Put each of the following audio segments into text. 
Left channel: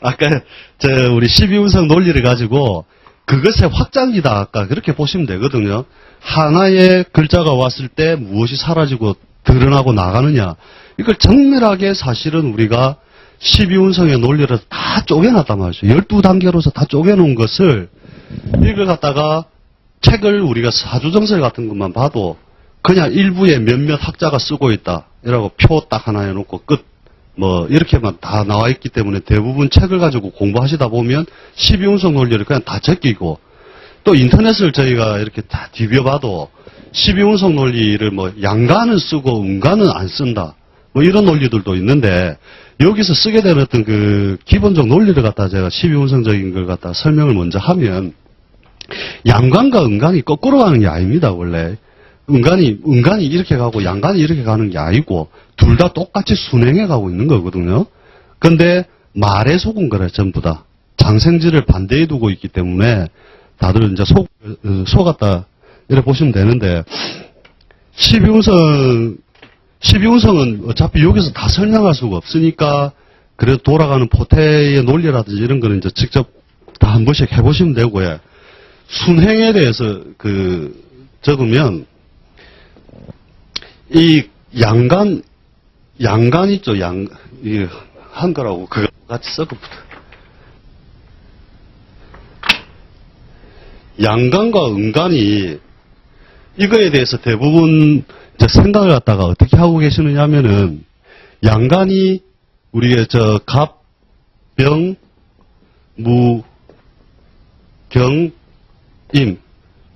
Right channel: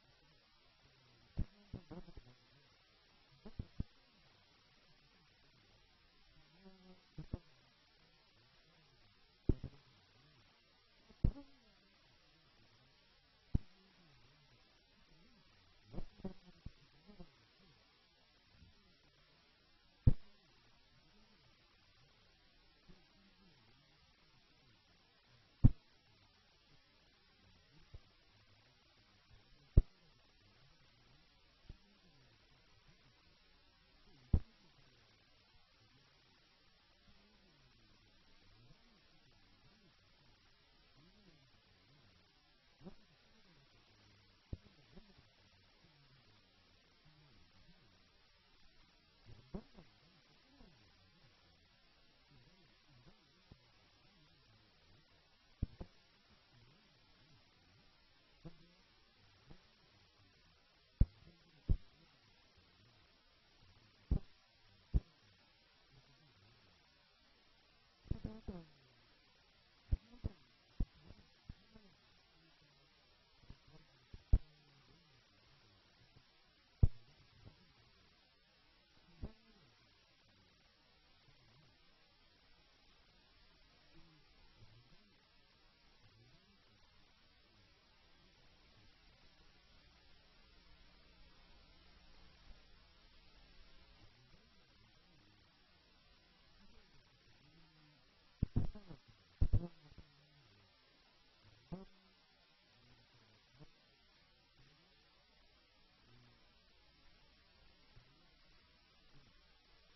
아까 우리 12운석 논리를 가지고 그것의 확장기다 아까 그렇게 보시면 되거든요. 하나의 글자가 왔을 때 무엇이 사라지고 드러나고 나가느냐. 이걸 정밀하게 사실은 우리가 12운석의 논리를 다 쪼개놨단 말이죠. 12단계로서 다 쪼개놓은 것을 이걸 갖다가 책을 우리가 사주정설 같은 것만 봐도 그냥 일부에 몇몇 학자가 쓰고 있다. 이라고 표 딱 하나 해놓고 끝. 뭐 이렇게만 다 나와 있기 때문에 대부분 책을 가지고 공부하시다 보면 12운석 논리를 그냥 다 제끼고 또 인터넷을 저희가 이렇게 다 뒤벼봐도 12운석 논리를 뭐 양가는 쓰고 음가는 안 쓴다. 뭐 이런 논리들도 있는데 여기서 쓰게 되는 어떤 그 기본적 논리를 갖다 제가 12운석적인 걸 갖다 설명을 먼저 하면 양간과 음간이 거꾸로 가는 게 아닙니다, 원래. 음간이 이렇게 가고 양간이 이렇게 가는 게 아니고 둘 다 똑같이 순행해 가고 있는 거거든요. 근데 말에 속은 거래, 전부 다. 장생지를 반대에 두고 있기 때문에 다들 이제 속았다. 이렇게 보시면 되는데 12운성은 어차피 여기서 다 설명할 수가 없으니까 그래도 돌아가는 포태의 논리라든지 이런 거는 이제 직접 다 한 번씩 해보시면 되고요. 순행에 대해서 적으면 이 양간 있죠. 한 거라고 그거 같이 섞어붙어. 양간과 음간이 이거에 대해서 대부분 이제 생각을 갖다가 어떻게 하고 계시느냐 하면은 양간이 우리의 갑, 병, 무, 경, 임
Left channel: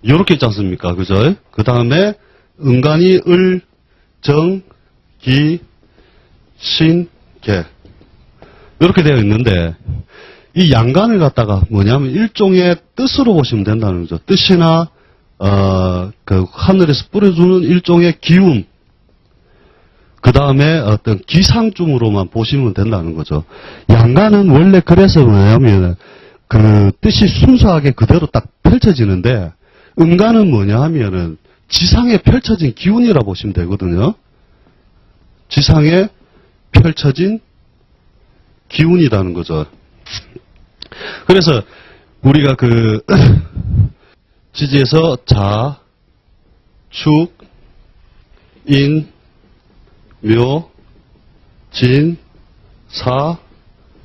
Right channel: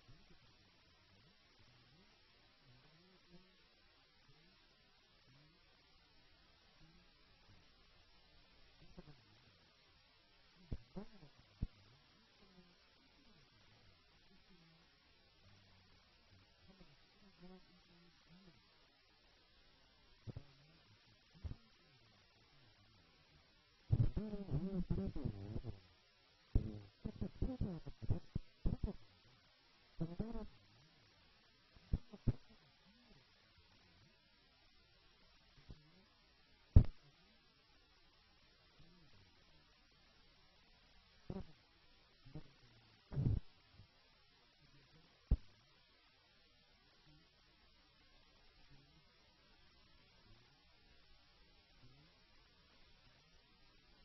요렇게 있지 않습니까? 그죠? 그 다음에 음간이 을, 정, 기, 신, 개 이렇게 되어 있는데 이 양간을 갖다가 뭐냐면 일종의 뜻으로 보시면 된다는 거죠. 뜻이나 그 하늘에서 뿌려주는 일종의 기운, 그 다음에 어떤 기상중으로만 보시면 된다는 거죠. 양간은 원래 그래서 뭐냐면 그 뜻이 순수하게 그대로 딱 펼쳐지는데 음간은 뭐냐 하면은 지상에 펼쳐진 기운이라 보시면 되거든요. 지상에 펼쳐진 기운이라는 거죠. 그래서 우리가 지지에서 자, 축, 인, 묘, 진, 사,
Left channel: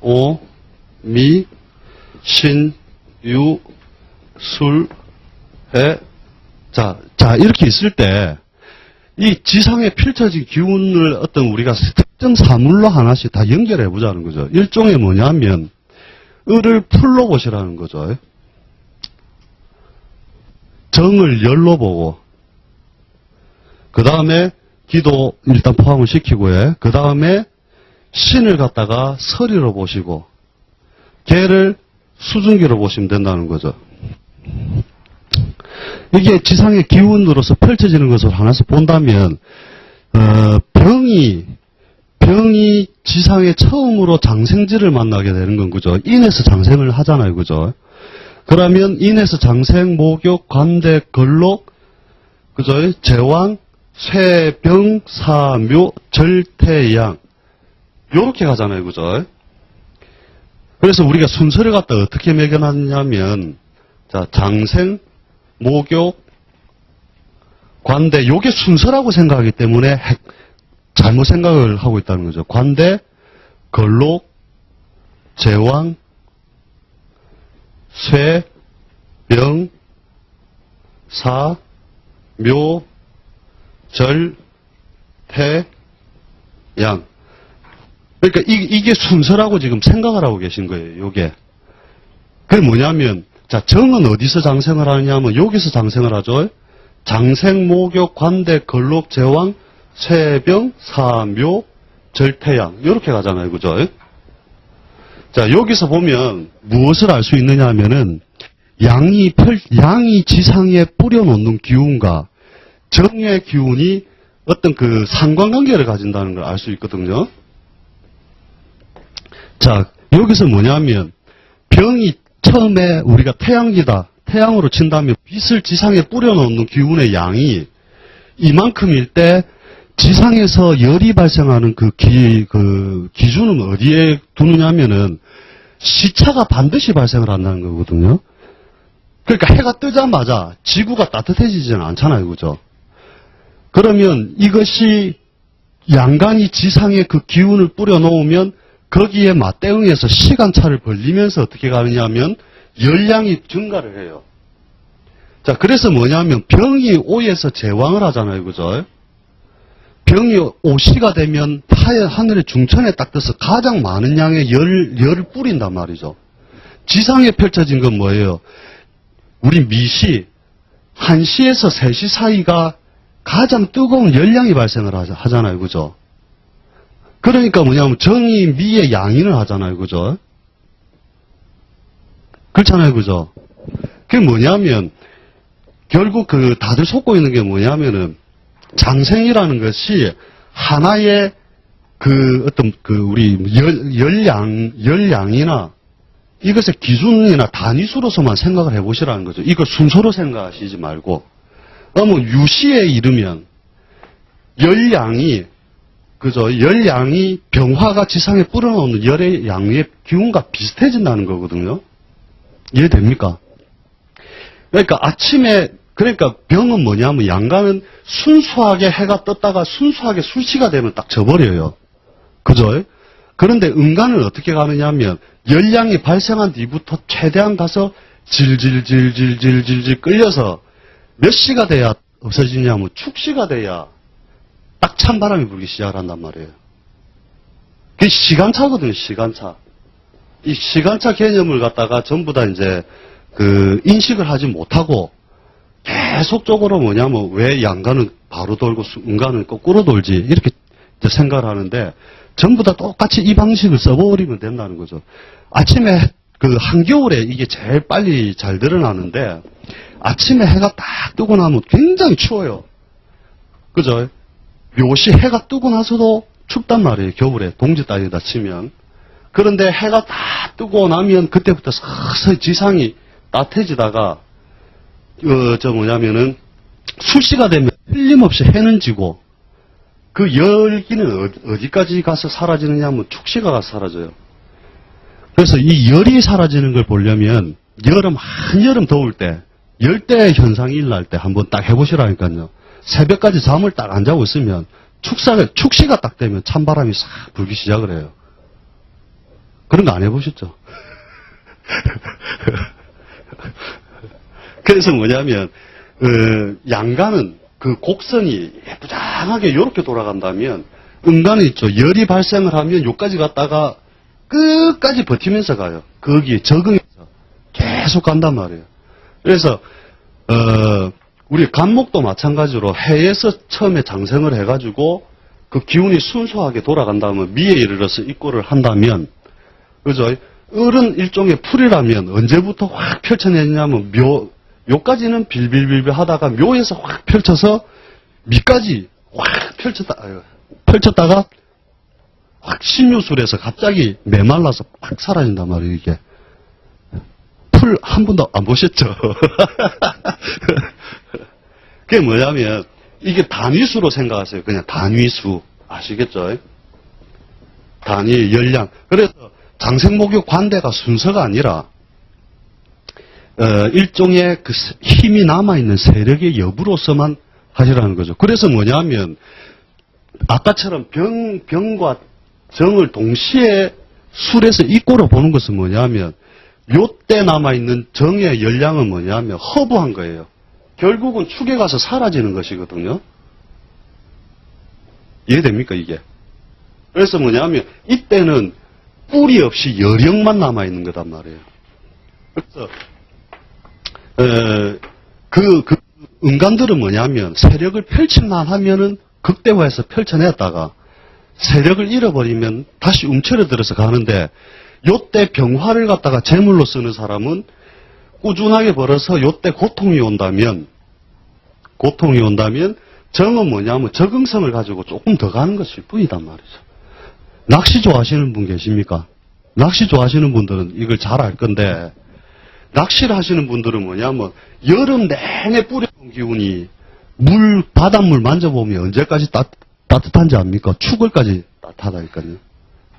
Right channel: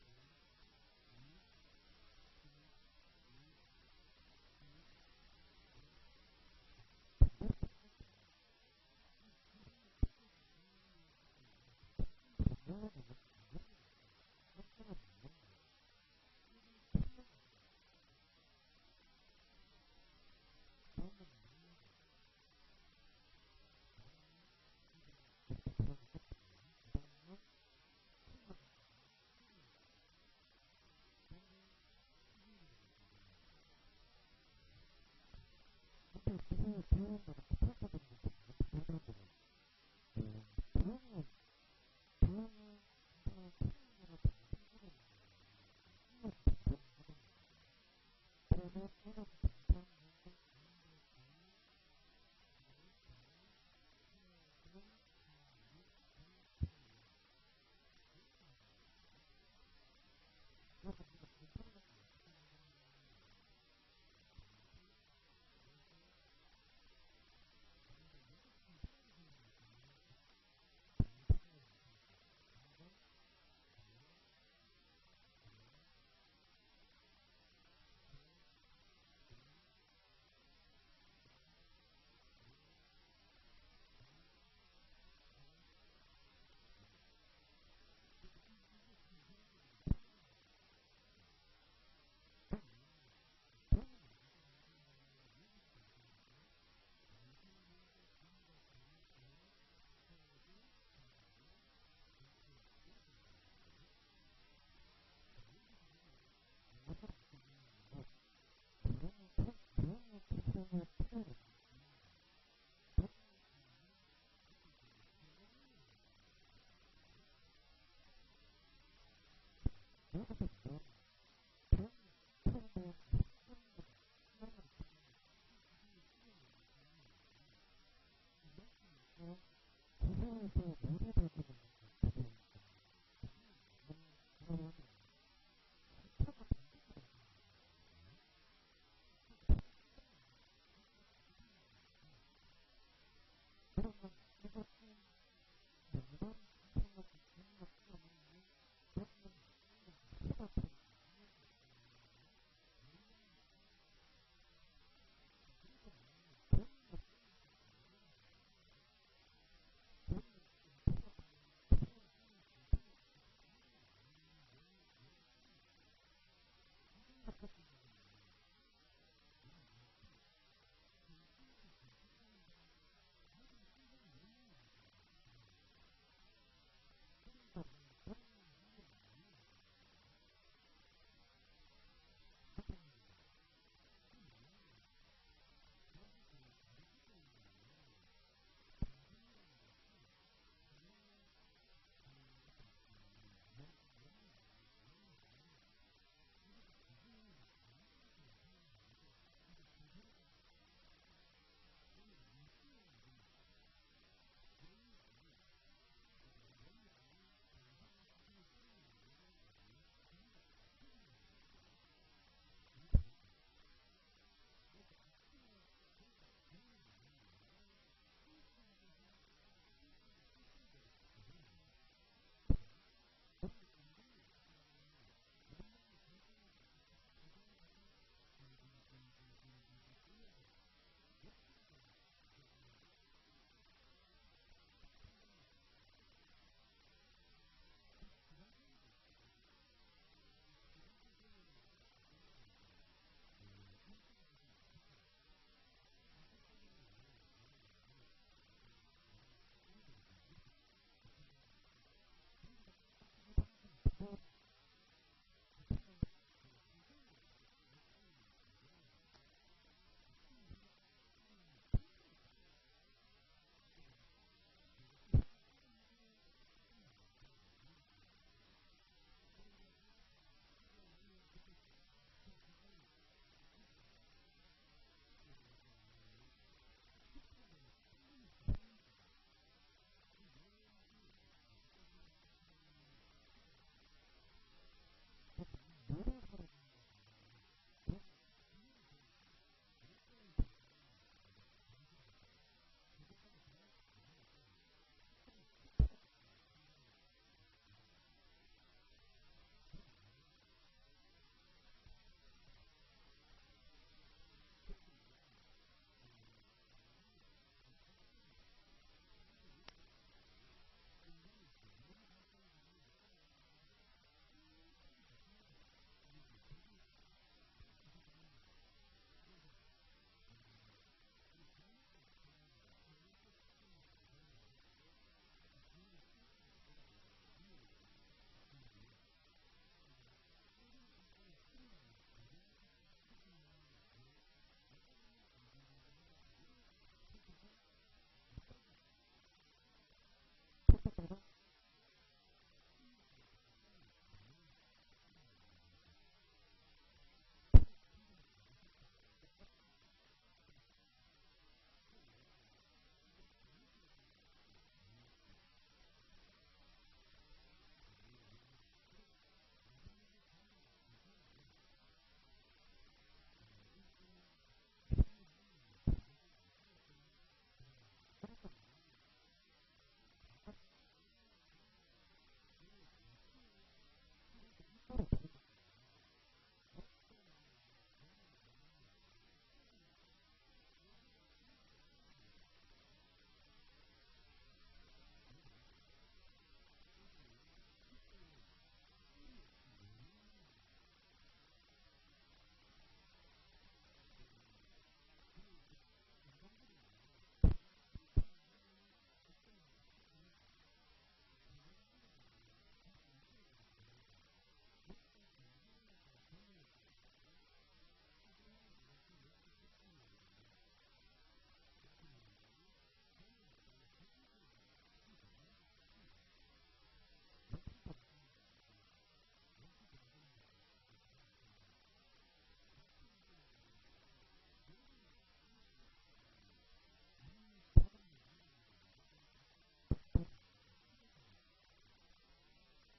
오, 미, 신, 유, 술, 해, 자, 이렇게 있을 때, 이 지상에 펼쳐진 기운을 어떤 우리가 특정 사물로 하나씩 다 연결해 보자는 거죠. 일종의 뭐냐면, 을을 풀로 보시라는 거죠. 정을 열로 보고, 그 다음에 기도 일단 포함을 시키고요. 그 다음에 신을 갖다가 서리로 보시고, 개를 수증기로 보시면 된다는 거죠. 이게 지상의 기운으로서 펼쳐지는 것을 하나씩 본다면, 병이 지상에 처음으로 장생지를 만나게 되는 건 그죠. 인에서 장생을 하잖아요. 그죠. 그러면 인에서 장생, 목욕, 관대, 걸록, 그죠. 제왕, 쇠, 병, 사, 묘, 절, 태, 양. 요렇게 가잖아요. 그죠. 그래서 우리가 순서를 갖다 어떻게 매겨놨냐면, 자, 장생, 목욕, 관대, 요게 순서라고 생각하기 때문에 잘못 생각을 하고 있다는 거죠. 관대, 걸록, 제왕, 쇠, 병, 사, 묘, 절, 태, 양. 그러니까 이게 순서라고 지금 생각을 하고 계신 거예요. 요게. 그게 뭐냐면 자, 정은 어디서 장생을 하느냐 하면 여기서 장생을 하죠. 장생, 목욕, 관대, 걸록, 제왕, 쇠병, 사묘, 절태양 이렇게 가잖아요. 그죠? 자, 여기서 보면 무엇을 알 수 있느냐 하면은 양이 지상에 뿌려놓는 기운과 정의 기운이 어떤 그 상관관계를 가진다는 걸 알 수 있거든요. 자, 여기서 뭐냐면 병이 처음에 우리가 태양기다. 태양으로 친다면 빛을 지상에 뿌려놓는 기운의 양이 이만큼일 때 지상에서 열이 발생하는 그 기준은 어디에 두느냐면은 시차가 반드시 발생을 한다는 거거든요. 그러니까 해가 뜨자마자 지구가 따뜻해지지는 않잖아요. 그죠? 그러면 이것이 양간이 지상에 그 기운을 뿌려놓으면 거기에 맞대응해서 시간차를 벌리면서 어떻게 가느냐면 열량이 증가를 해요. 자, 그래서 뭐냐면 병이 오에서 제왕을 하잖아요. 그죠? 병이 오시가 되면 하늘의 중천에 딱 떠서 가장 많은 양의 열을 뿌린단 말이죠. 지상에 펼쳐진 건 뭐예요? 우리 미시 1시에서 3시 사이가 가장 뜨거운 열량이 발생을 하잖아요. 그죠? 그러니까 뭐냐면 정이 미의 양인을 하잖아요. 그죠? 그렇잖아요. 그죠? 그게 뭐냐면 결국 다들 속고 있는 게 뭐냐면은 장생이라는 것이 하나의 우리 열량이나 이것의 기준이나 단위수로서만 생각을 해보시라는 거죠. 이걸 순서로 생각하시지 말고. 그러면 유시에 이르면 열량이 병화가 지상에 뿌려놓는 열의 양의 기운과 비슷해진다는 거거든요. 이해됩니까? 그러니까 병은 뭐냐면 양간은 순수하게 해가 떴다가 순수하게 술시가 되면 딱 져버려요. 그죠? 그런데 음간은 어떻게 가느냐 하면 열량이 발생한 뒤부터 최대한 가서 질질질질질질 끌려서 몇 시가 돼야 없어지냐면 축시가 돼야 딱 찬바람이 불기 시작을 한단 말이에요. 그게 시간차거든요. 시간차. 이 시간차 개념을 갖다가 전부 다 이제 인식을 하지 못하고 계속적으로 뭐냐면 왜 양간은 바로 돌고 음간은 거꾸로 돌지 이렇게 생각을 하는데 전부 다 똑같이 이 방식을 써버리면 된다는 거죠. 아침에 한겨울에 이게 제일 빨리 잘 드러나는데 아침에 해가 딱 뜨고 나면 굉장히 추워요. 그죠? 묘시 해가 뜨고 나서도 춥단 말이에요. 겨울에 동지 따위에다 치면. 그런데 해가 딱 뜨고 나면 그때부터 서서히 지상이 따뜻해지다가 술시가 되면 틀림없이 해는 지고 그 열기는 어디까지 가서 사라지느냐 하면 축시가 가서 사라져요. 그래서 이 열이 사라지는 걸 보려면 한여름 더울 때 열대 현상이 일어날 때 한번 딱 해보시라니까요. 새벽까지 잠을 딱 안 자고 있으면 축시가 딱 되면 찬바람이 싹 불기 시작을 해요. 그런 거 안 해보셨죠? 그래서 뭐냐면 양간은 그 곡선이 예쁘장하게 이렇게 돌아간다면 음간은 있죠. 열이 발생을 하면 여기까지 갔다가 끝까지 버티면서 가요. 거기에 적응해서 계속 간단 말이에요. 그래서 우리 간목도 마찬가지로 해에서 처음에 장생을 해가지고 그 기운이 순수하게 돌아간 다음에 미에 이르러서 입고를 한다면 그죠? 을은 일종의 풀이라면 언제부터 확 펼쳐내냐면 요까지는 빌빌빌빌 하다가 묘에서 확 펼쳐서 미까지 확 펼쳤다가 확 신유술에서 갑자기 메말라서 확 사라진단 말이에요. 이게 풀 한 번도 안 보셨죠? 그게 뭐냐면 이게 단위수로 생각하세요. 그냥 단위수 아시겠죠? 단위 열량. 그래서 장생목욕 관대가 순서가 아니라 일종의 그 힘이 남아있는 세력의 여부로서만 하시라는 거죠. 그래서 뭐냐면 아까처럼 병과 정을 동시에 술에서 입고로 보는 것은 뭐냐면 요때 남아있는 정의 열량은 뭐냐면 허부한 거예요. 결국은 축에 가서 사라지는 것이거든요. 이해됩니까 이게? 그래서 뭐냐면 이때는 뿌리 없이 열형만 남아있는 거단 말이에요. 그래서 음간들은 뭐냐면 세력을 펼칠만 하면은 극대화해서 펼쳐냈다가 세력을 잃어버리면 다시 움츠러들어서 가는데 요때 병화를 갖다가 제물로 쓰는 사람은 꾸준하게 벌어서 요때 고통이 온다면 정은 뭐냐면 적응성을 가지고 조금 더 가는 것일 뿐이단 말이죠. 낚시 좋아하시는 분 계십니까? 낚시 좋아하시는 분들은 이걸 잘 알 건데 낚시를 하시는 분들은 뭐냐면 여름 내내 뿌려놓은 기운이 바닷물 만져보면 언제까지 따뜻한지 압니까? 축월까지 따뜻하다니까요.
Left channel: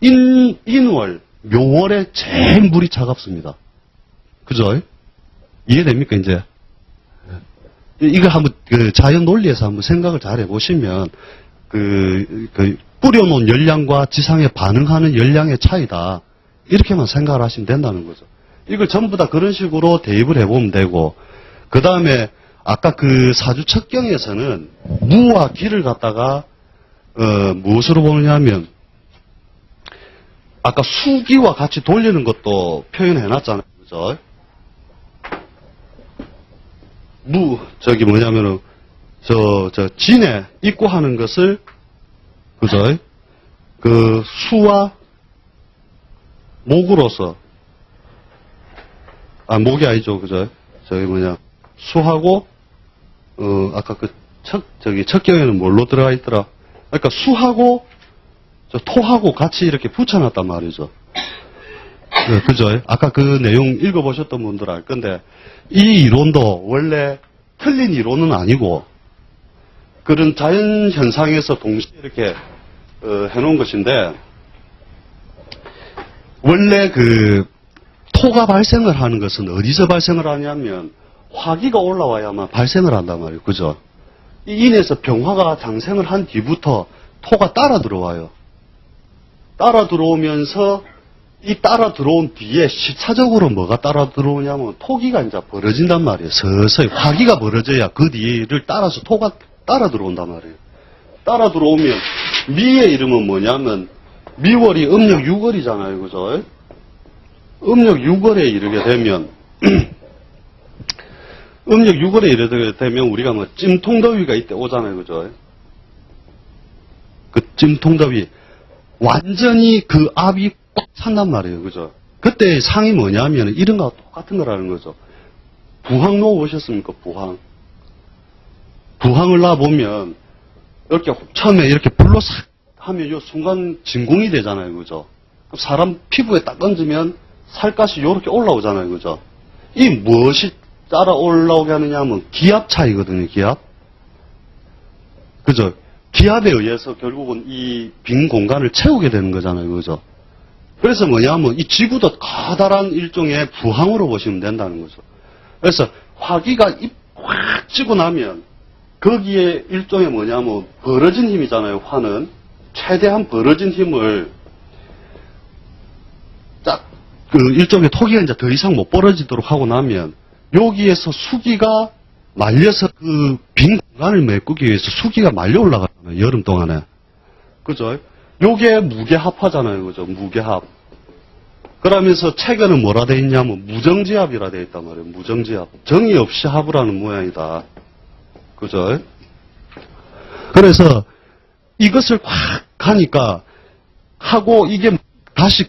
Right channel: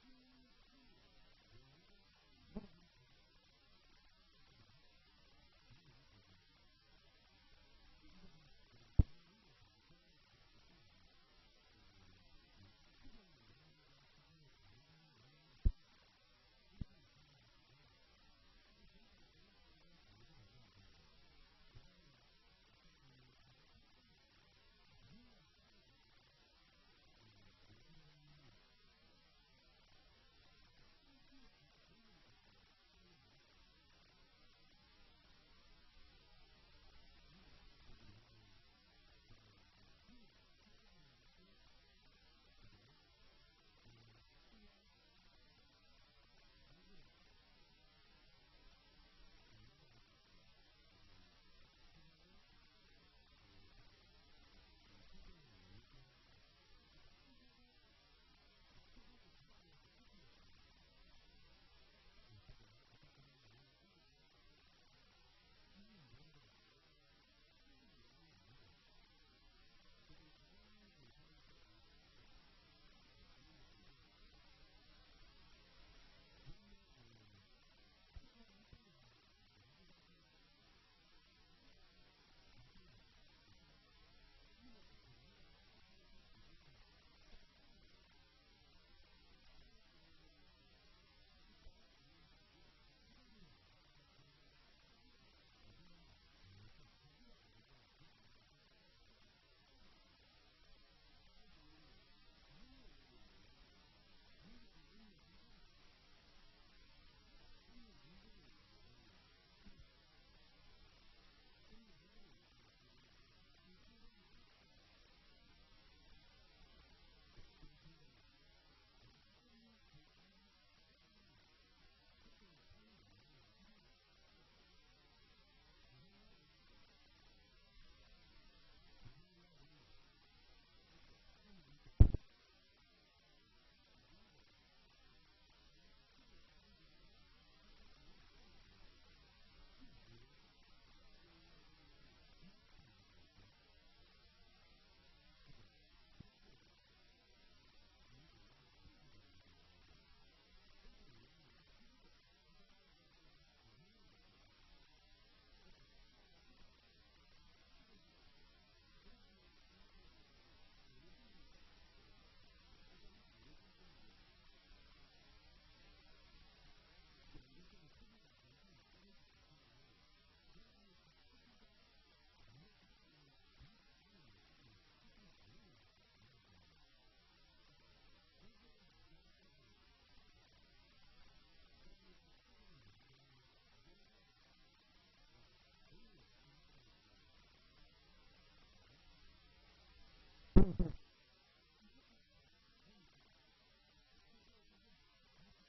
인월, 묘월에 제일 물이 차갑습니다. 그죠? 이해됩니까, 이제? 이거 한번, 자연 논리에서 한번 생각을 잘 해보시면, 뿌려놓은 열량과 지상에 반응하는 열량의 차이다. 이렇게만 생각을 하시면 된다는 거죠. 이걸 전부 다 그런 식으로 대입을 해보면 되고, 그 다음에, 아까 사주 척경에서는 무와 기를 갖다가, 무엇으로 보느냐면, 아까 수기와 같이 돌리는 것도 표현해놨잖아요. 그죠? 뭐냐면은, 진에 입고하는 것을, 그죠? 수와 목으로서, 목이 아니죠. 그죠? 수하고, 아까 척경에는 뭘로 들어가 있더라? 그러니까 수하고, 토하고 같이 이렇게 붙여놨단 말이죠. 그죠? 아까 그 내용 읽어보셨던 분들 알 건데, 이 이론도 원래 틀린 이론은 아니고, 그런 자연 현상에서 동시에 이렇게, 해놓은 것인데, 원래 토가 발생을 하는 것은 어디서 발생을 하냐면, 화기가 올라와야만 발생을 한단 말이에요. 그죠? 이 인에서 병화가 장생을 한 뒤부터 토가 따라 들어와요. 따라 들어오면서 이 따라 들어온 뒤에 시차적으로 뭐가 따라 들어오냐면 토기가 이제 벌어진단 말이에요. 서서히 화기가 벌어져야 그 뒤를 따라서 토가 따라 들어온단 말이에요. 따라 들어오면 미의 이름은 뭐냐면 미월이 음력 6월이잖아요. 그죠? 음력 6월에 이르게 되면 음력 6월에 이르게 되면 우리가 뭐 찜통더위가 이때 오잖아요. 그죠? 그 찜통더위 완전히 그 압이 꽉 찬단 말이에요. 그죠? 그때 상이 뭐냐면 이런 거와 똑같은 거라는 거죠. 부항로 보셨습니까? 부항을 놔보면 이렇게 처음에 이렇게 불로 싹 하면 요 순간 진공이 되잖아요. 그죠? 사람 피부에 딱 얹으면 살갗이 요렇게 올라오잖아요. 그죠? 이 무엇이 따라 올라오게 하느냐 하면 기압 차이거든요. 기압. 그죠? 기압에 의해서 결국은 이 빈 공간을 채우게 되는 거잖아요. 그죠? 그래서 뭐냐면 이 지구도 커다란 일종의 부항으로 보시면 된다는 거죠. 그래서 화기가 확 찌고 나면 거기에 일종의 뭐냐면 벌어진 힘이잖아요. 화는. 최대한 벌어진 힘을 딱 일종의 토기가 이제 더 이상 못 벌어지도록 하고 나면 여기에서 수기가 말려서 그 빈 공간을 메꾸기 위해서 수기가 말려 올라가잖아요. 여름 동안에. 그죠? 요게 무게합하잖아요. 그죠? 무게합. 그러면서 체계는 뭐라 돼 있냐면 무정지합이라 돼 있단 말이에요. 무정지합. 정의 없이 합을 하는 모양이다. 그죠? 그래서 이것을 확 가니까 하고 이게 다시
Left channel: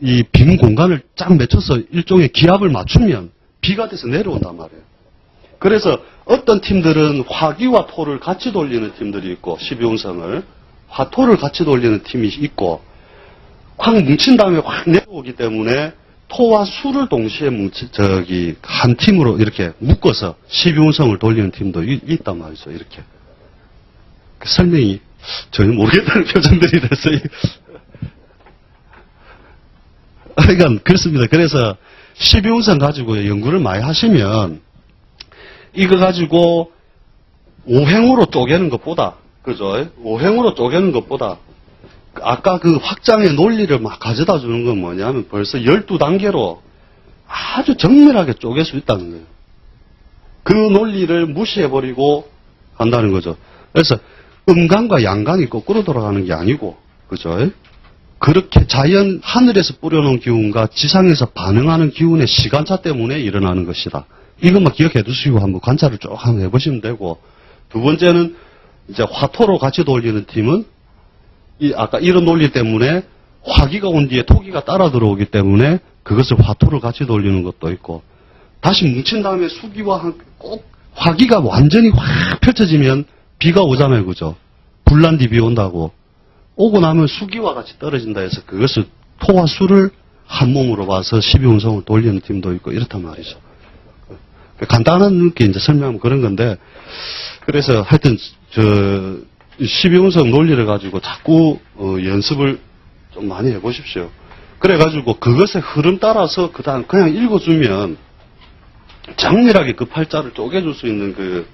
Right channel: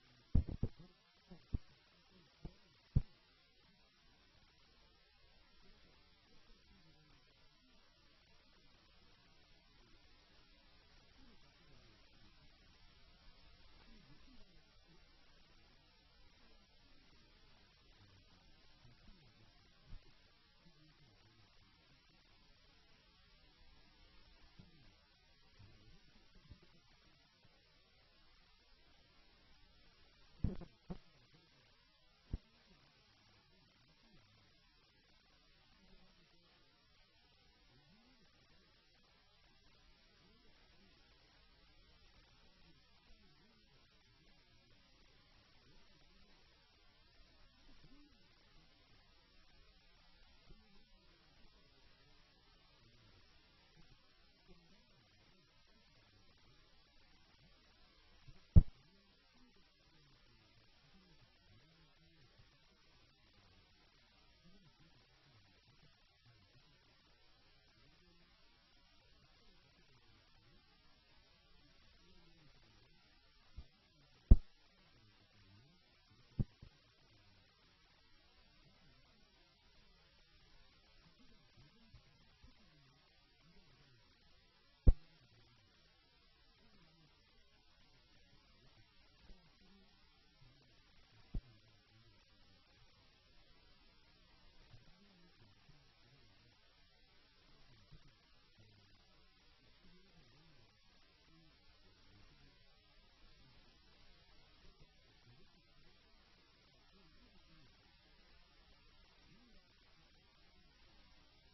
이 빈 공간을 쫙 맺혀서 일종의 기압을 맞추면 비가 돼서 내려온단 말이에요. 그래서 어떤 팀들은 화기와 토를 같이 돌리는 팀들이 있고 12운성을 화토를 같이 돌리는 팀이 있고 확 뭉친 다음에 확 내려오기 때문에 토와 수를 동시에 한 팀으로 이렇게 묶어서 12운성을 돌리는 팀도 있단 말이죠. 이렇게. 설명이 전혀 모르겠다는 표정들이 됐어요. 그러니까 그렇습니다. 그래서 12운성 가지고 연구를 많이 하시면 이거 가지고 오행으로 쪼개는 것보다 그죠? 오행으로 쪼개는 것보다 아까 그 확장의 논리를 막 가져다 주는 건 뭐냐면 벌써 12단계로 아주 정밀하게 쪼갤 수 있다는 거예요. 그 논리를 무시해버리고 간다는 거죠. 그래서 음간과 양간이 거꾸로 돌아가는 게 아니고 그죠? 그렇게 자연 하늘에서 뿌려놓은 기운과 지상에서 반응하는 기운의 시간차 때문에 일어나는 것이다. 이것만 기억해 두시고 한번 관찰을 쭉 한번 해보시면 되고, 두 번째는 이제 화토로 같이 돌리는 팀은 아까 이런 논리 때문에 화기가 온 뒤에 토기가 따라 들어오기 때문에 그것을 화토를 같이 돌리는 것도 있고, 다시 뭉친 다음에 수기와 꼭 화기가 완전히 확 펼쳐지면 비가 오잖아요. 그죠? 불난 뒤 비 온다고. 오고 나면 수기와 같이 떨어진다 해서 그것을 토와 수를 한 몸으로 봐서 12운성을 돌리는 팀도 있고 이렇단 말이죠. 간단한 게 이제 설명하면 그런 건데, 그래서 하여튼 12운성 논리를 가지고 자꾸 연습을 좀 많이 해보십시오. 그래가지고 그것의 흐름 따라서 그다음 그냥 읽어주면 장렬하게 그 팔자를 쪼개줄 수 있는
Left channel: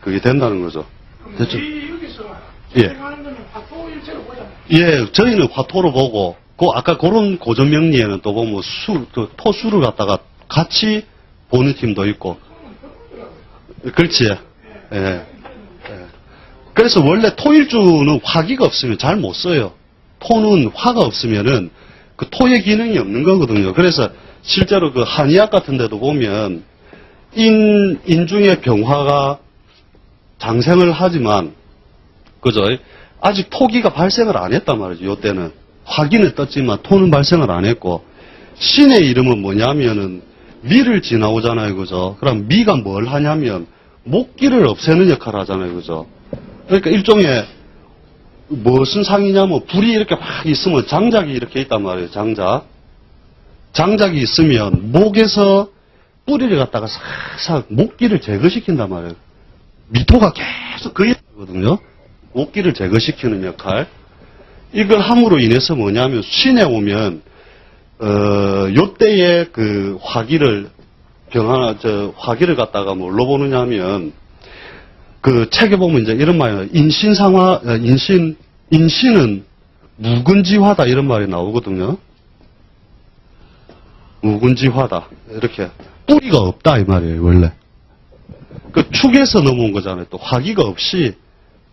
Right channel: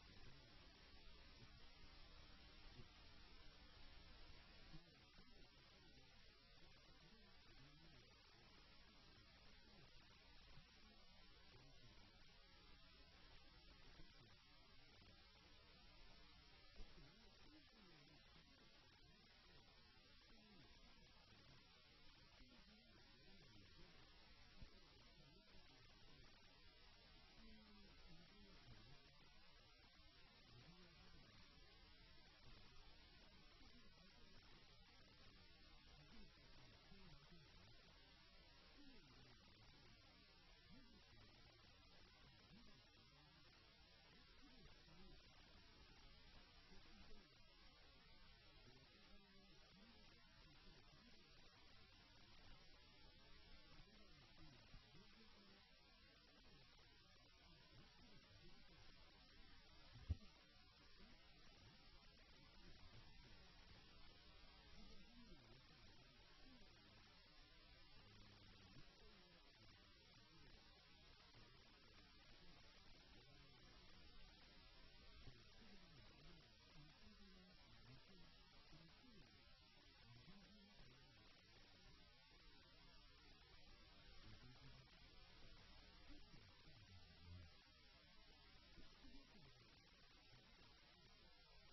그게 된다는 거죠. 됐죠? 여기서 예. 생각하는 거는 화토 일체로 보잖아요. 예, 저희는 화토로 보고, 아까 그런 고전 명리에는 또 보면 토수를 갖다가 같이 보는 팀도 있고. 그렇지. 예. 예. 그래서 원래 토일주는 화기가 없으면 잘 못 써요. 토는 화가 없으면은 그 토의 기능이 없는 거거든요. 그래서 실제로 그 한의학 같은 데도 보면 인중의 병화가 장생을 하지만, 그죠? 아직 토기가 발생을 안 했단 말이죠, 요때는. 화기는 떴지만 토는 발생을 안 했고, 신의 이름은 뭐냐면은 미를 지나오잖아요, 그죠? 그럼 미가 뭘 하냐면 목기를 없애는 역할을 하잖아요, 그죠? 그러니까 일종의 무슨 상이냐면 불이 이렇게 막 있으면 장작이 이렇게 있단 말이에요, 장작. 장작이 있으면 목에서 뿌리를 갖다가 싹싹 목기를 제거시킨단 말이에요. 미토가 계속 그 역할이거든요. 목기를 제거시키는 역할. 이걸 함으로 인해서 뭐냐면 신에 오면 요때의 그 화기를 화기를 갖다가 뭘로 보느냐면 그 책에 보면 이제 이런 말이 나와요. 인신은 무근지화다 이런 말이 나오거든요. 무근지화다. 이렇게 뿌리가 없다 이 말이에요, 원래. 그 축에서 넘어온 거잖아요. 또 화기가 없이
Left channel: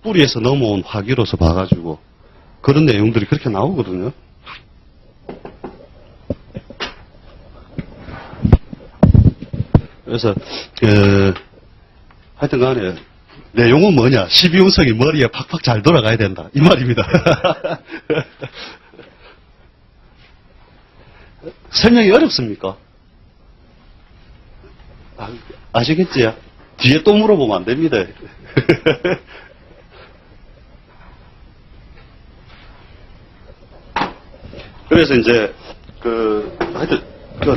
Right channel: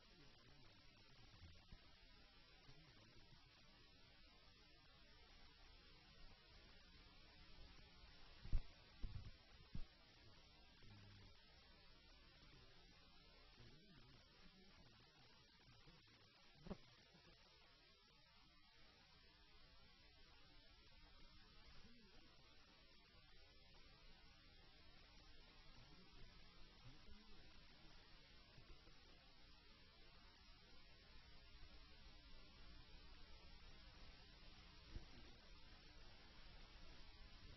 뿌리에서 넘어온 화기로서 봐가지고 그런 내용들이 그렇게 나오거든요. 그래서 하여튼 간에 내용은 뭐냐, 12운성이 머리에 팍팍 잘 돌아가야 된다 이 말입니다. 설명이 어렵습니까? 아시겠지요? 뒤에 또 물어보면 안 됩니다. 그래서 이제 하여튼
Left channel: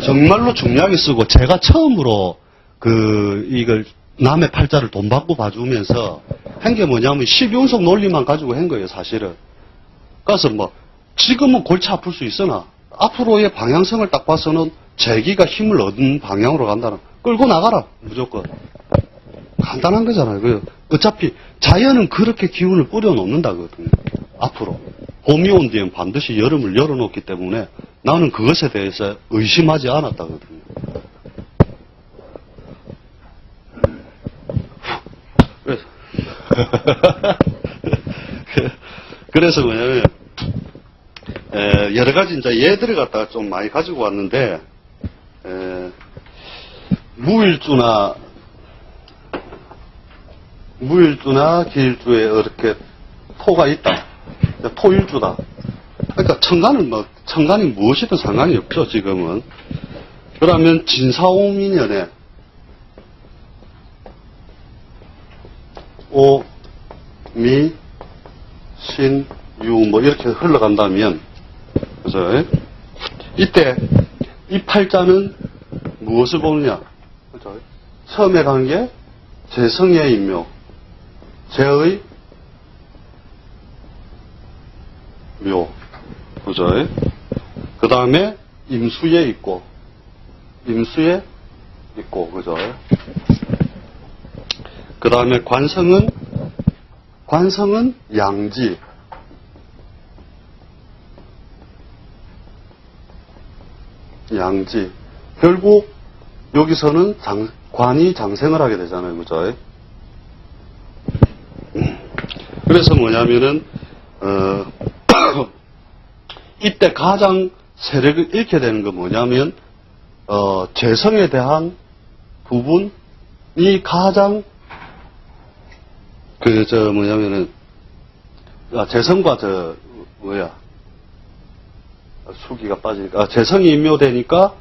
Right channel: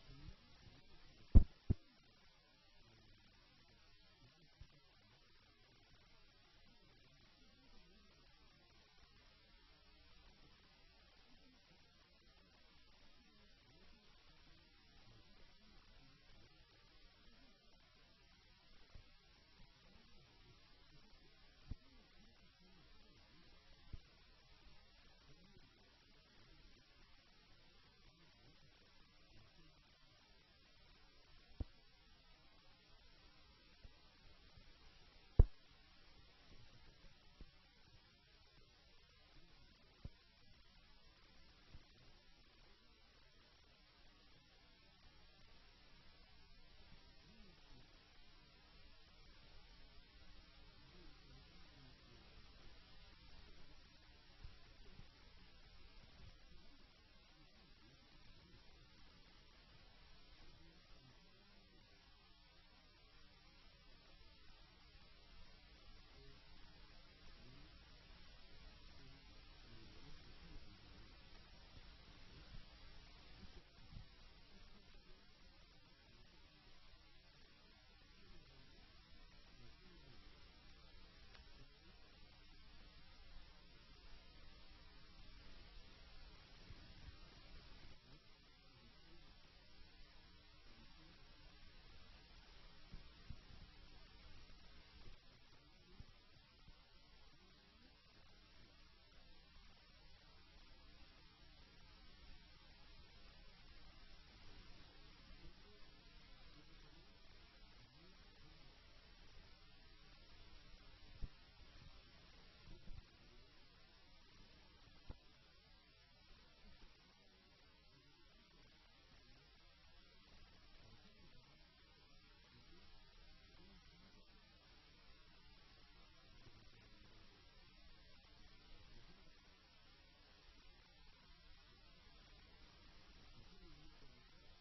정말로 중요하게 쓰고 제가 처음으로 이걸 남의 팔자를 돈 받고 봐주면서 한 게 뭐냐면 12운석 논리만 가지고 한 거예요, 사실은. 그래서 지금은 골치 아플 수 있으나 앞으로의 방향성을 딱 봐서는 재기가 힘을 얻은 방향으로 간다는, 끌고 나가라, 무조건. 간단한 거잖아요. 어차피 자연은 그렇게 기운을 뿌려놓는다거든요, 앞으로. 봄이 온 뒤엔 반드시 여름을 열어놓기 때문에 나는 그것에 대해서 의심하지 않았다거든요. 그래서 뭐냐면, 여러 가지 이제 예들을 갖다가 좀 많이 가지고 왔는데, 무일주나 기일주에 이렇게 토가 있다. 토일주다. 그러니까 천간이 무엇이든 상관이 없죠, 지금은. 그러면 진사오민년에 오, 미, 신, 유, 이렇게 흘러간다면, 그죠? 이때, 이 팔자는 무엇을 보느냐? 그죠? 처음에 간 게 재성의 인묘, 재의 묘, 그죠? 그 다음에 임수에 있고, 그죠? 그 다음에 관성은 양지. 결국 여기서는 관이 장생을 하게 되잖아요, 그죠? 그래서 뭐냐면은 이때 가장 세력을 잃게 되는 건 뭐냐면 재성에 대한 부분이 가장 재성과 수기가 빠지니까, 재성이 임묘되니까,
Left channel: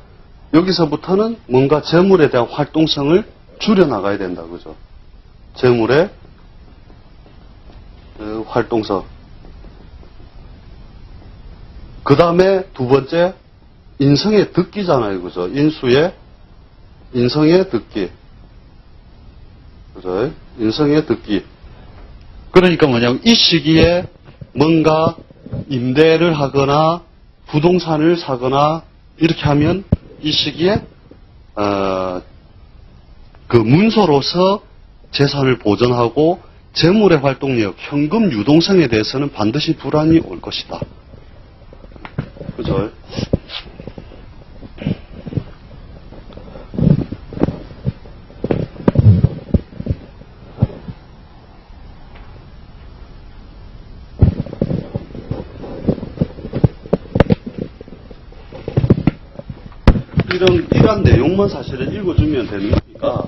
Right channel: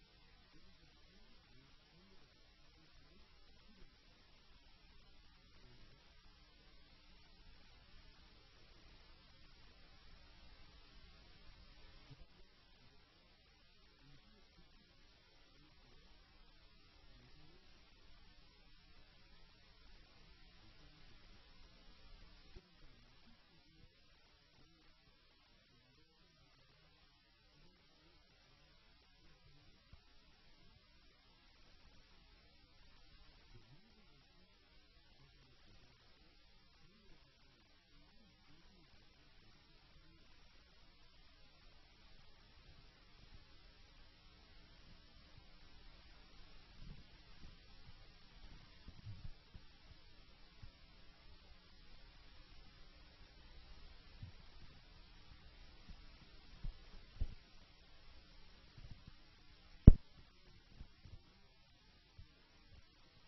여기서부터는 뭔가 재물에 대한 활동성을 줄여나가야 된다, 그죠? 재물의 활동성. 그 다음에 두 번째, 인성의 득기잖아요, 그죠? 인성의 득기. 그죠? 인성의 득기. 그러니까 뭐냐면, 이 시기에 뭔가 임대를 하거나 부동산을 사거나 이렇게 하면 이 시기에 그 문서로서 재산을 보전하고 재물의 활동력, 현금 유동성에 대해서는 반드시 불안이 올 것이다. 그죠? 이러한 내용만 사실은 읽어주면 되는 거니까,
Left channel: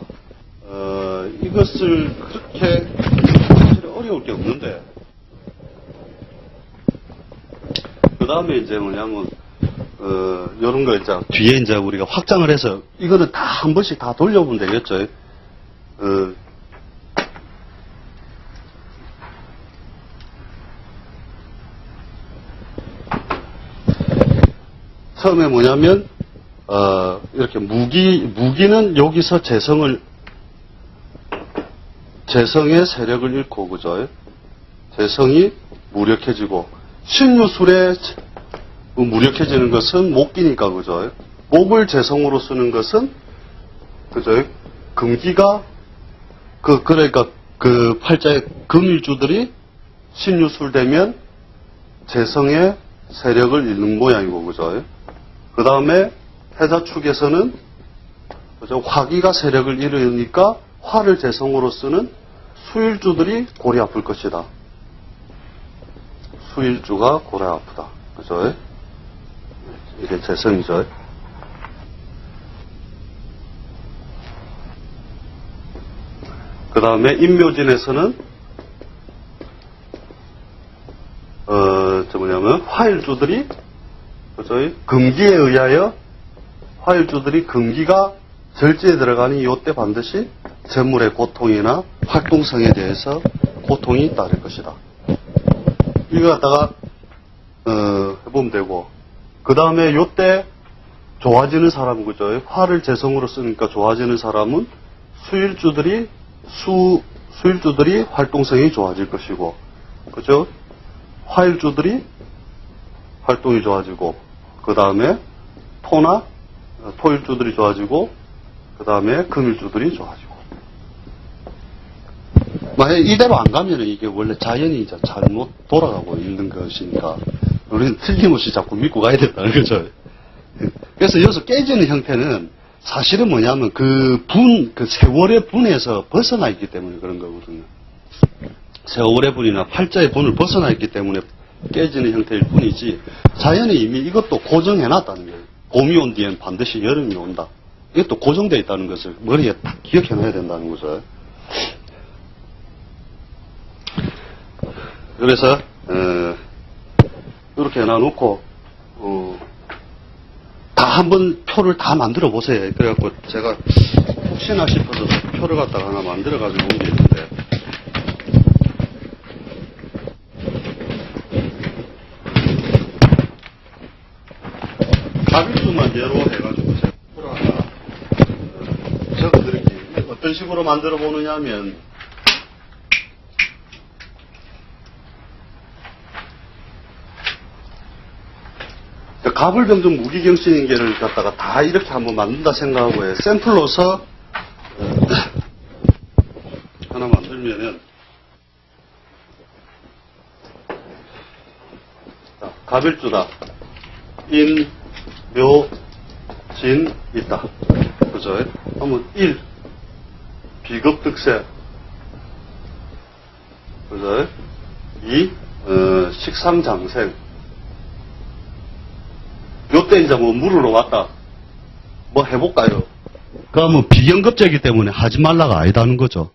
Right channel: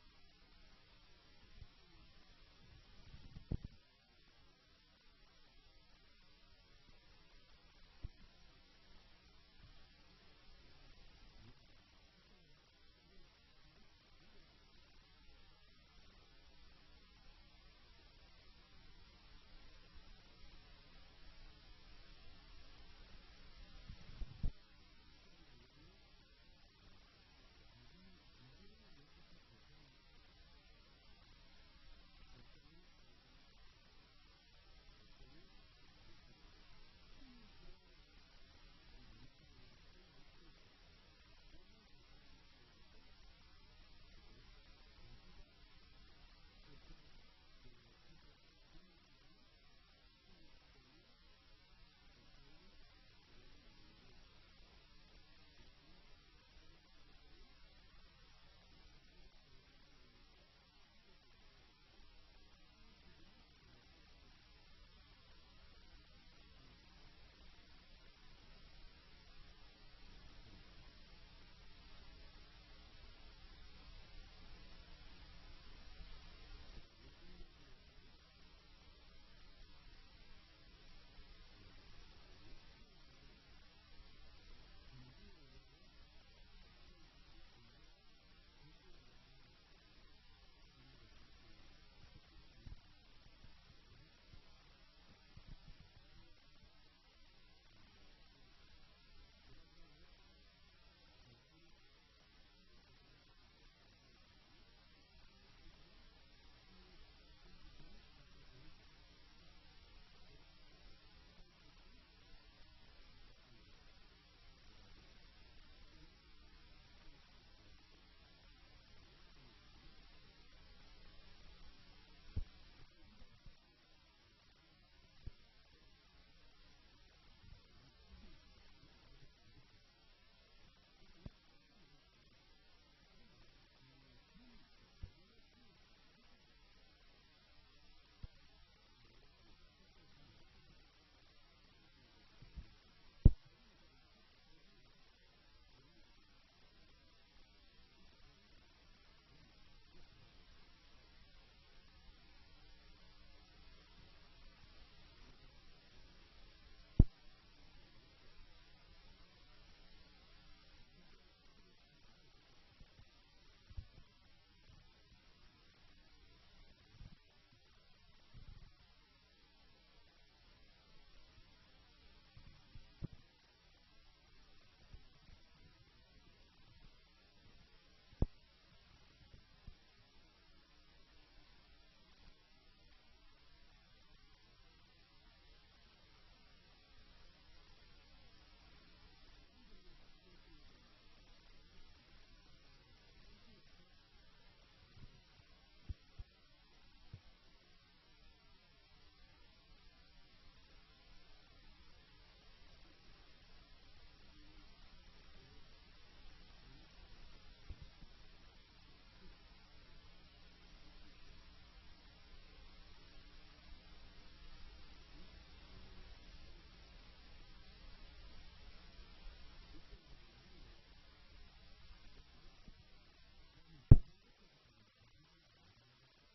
이것을 그렇게 사실 어려울 게 없는데, 그 다음에 이제 뭐냐면, 요런 거 이제 뒤에 이제 우리가 확장을 해서, 이거는 다 한 번씩 다 돌려보면 되겠죠. 처음에 뭐냐면, 이렇게 무기는 여기서 재성의 세력을 잃고, 그죠? 재성이 무력해지고, 신유술에 무력해지는 것은 목기니까, 그죠? 목을 재성으로 쓰는 것은, 그죠? 금기가, 그러니까 그 팔자의 금일주들이 신유술 되면 재성의 세력을 잃는 모양이고, 그죠? 그 다음에 해자축에서는 그죠? 화기가 세력을 잃으니까 화를 재성으로 쓰는 수일주들이 골이 아플 것이다. 수일주가 골이 아프다. 그죠? 이게 재성이죠. 그 다음에 인묘진에서는 화일주들이 그죠? 금기에 의하여 화일주들이 금기가 절제에 들어가니 이때 반드시 재물의 고통이나 활동성에 대해서 고통이 따를 것이다. 이거 갖다가 해보면 되고, 그 다음에 이때 좋아지는 사람은 그죠? 화를 재성으로 쓰니까 좋아지는 사람은 수일주들이 활동성이 좋아질 것이고, 그죠? 화일주들이 활동이 좋아지고, 그 다음에 토일주들이 좋아지고, 그 다음에 금일주들이 좋아지고. 만약 이대로 안 가면 이게 원래 자연이 이제 잘못 돌아가고 있는 것이니까, 우리는 틀림없이 자꾸 믿고 가야 된다는 거죠. 그래서 여기서 깨지는 형태는 사실은 뭐냐면 그 세월의 분에서 벗어나 있기 때문에 그런 거거든요. 세월의 분이나 팔자의 분을 벗어나 있기 때문에 깨지는 형태일 뿐이지, 자연이 이미 이것도 고정해 놨다는 거예요. 봄이 온 뒤엔 반드시 여름이 온다. 이것도 고정되어 있다는 것을 머리에 딱 기억해 놔야 된다는 거죠. 그래서 이렇게 해놔놓고 다 한번 표를 다 만들어 보세요. 그래갖고 제가 혹시나 싶어서 표를 갖다가 하나 만들어 가지고 온 게 있는데, 가빌수만 예로 해가지고 제가 표를 하나 적어드릴게요. 어떤 식으로 만들어 보느냐 하면, 가불병정 무기경신인계를 갖다가 다 이렇게 한번 만든다 생각하고 샘플로서 하나 만들면은, 가빌주다. 인, 묘, 진 있다. 그죠? 한번 1. 비겁득세. 그죠? 2. 식상장생. 요때 이제 뭐 물으러 왔다. 뭐 해볼까요? 그러면 비경급제이기 때문에 하지 말라가 아니다는 거죠.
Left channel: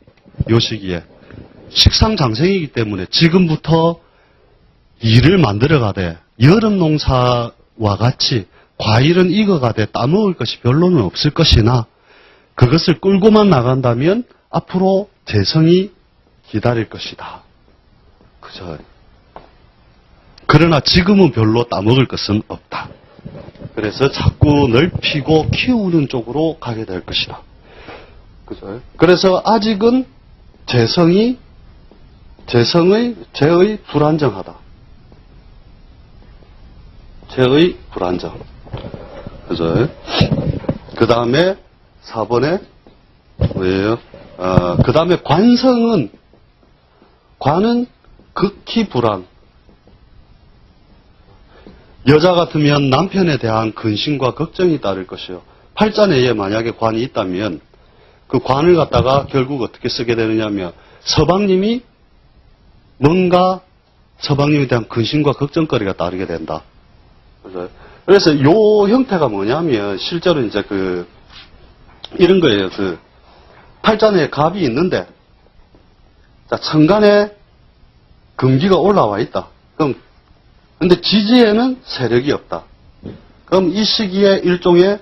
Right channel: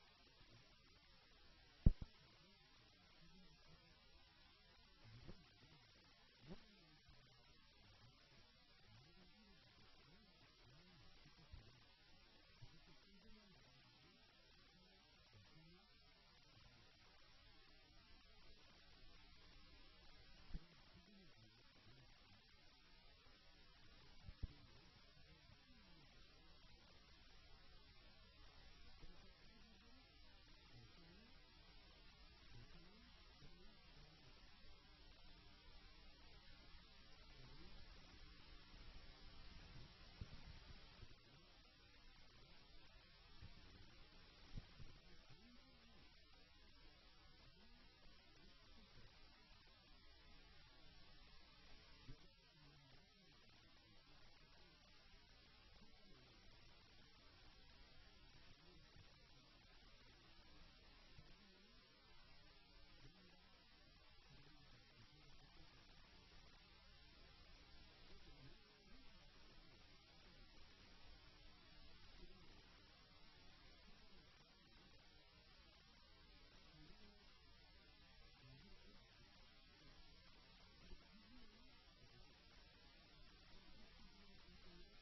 요 시기에. 식상장생이기 때문에 지금부터 일을 만들어가되 여름 농사와 같이 과일은 익어가되 따먹을 것이 별로는 없을 것이나 그것을 끌고만 나간다면 앞으로 재성이 기다릴 것이다. 그죠? 그러나 지금은 별로 따먹을 것은 없다. 그래서 자꾸 넓히고 키우는 쪽으로 가게 될 것이다. 그죠? 그래서 아직은 재의 불안정하다. 세태의 불안정. 그죠? 그 다음에 4번에 뭐예요? 그 다음에 관성은, 관은 극히 불안. 여자 같으면 남편에 대한 근심과 걱정이 따를 것이요. 팔자내에 만약에 관이 있다면 그 관을 갖다가 결국 어떻게 쓰게 되느냐면 서방님이 뭔가 서방님에 대한 근심과 걱정거리가 따르게 된다. 그래서 요 형태가 뭐냐면 실제로 이제 이런 거예요. 팔자내에 갑이 있는데 자, 천간에 금기가 올라와 있다. 그럼 근데 지지에는 세력이 없다. 그럼 이 시기에 일종의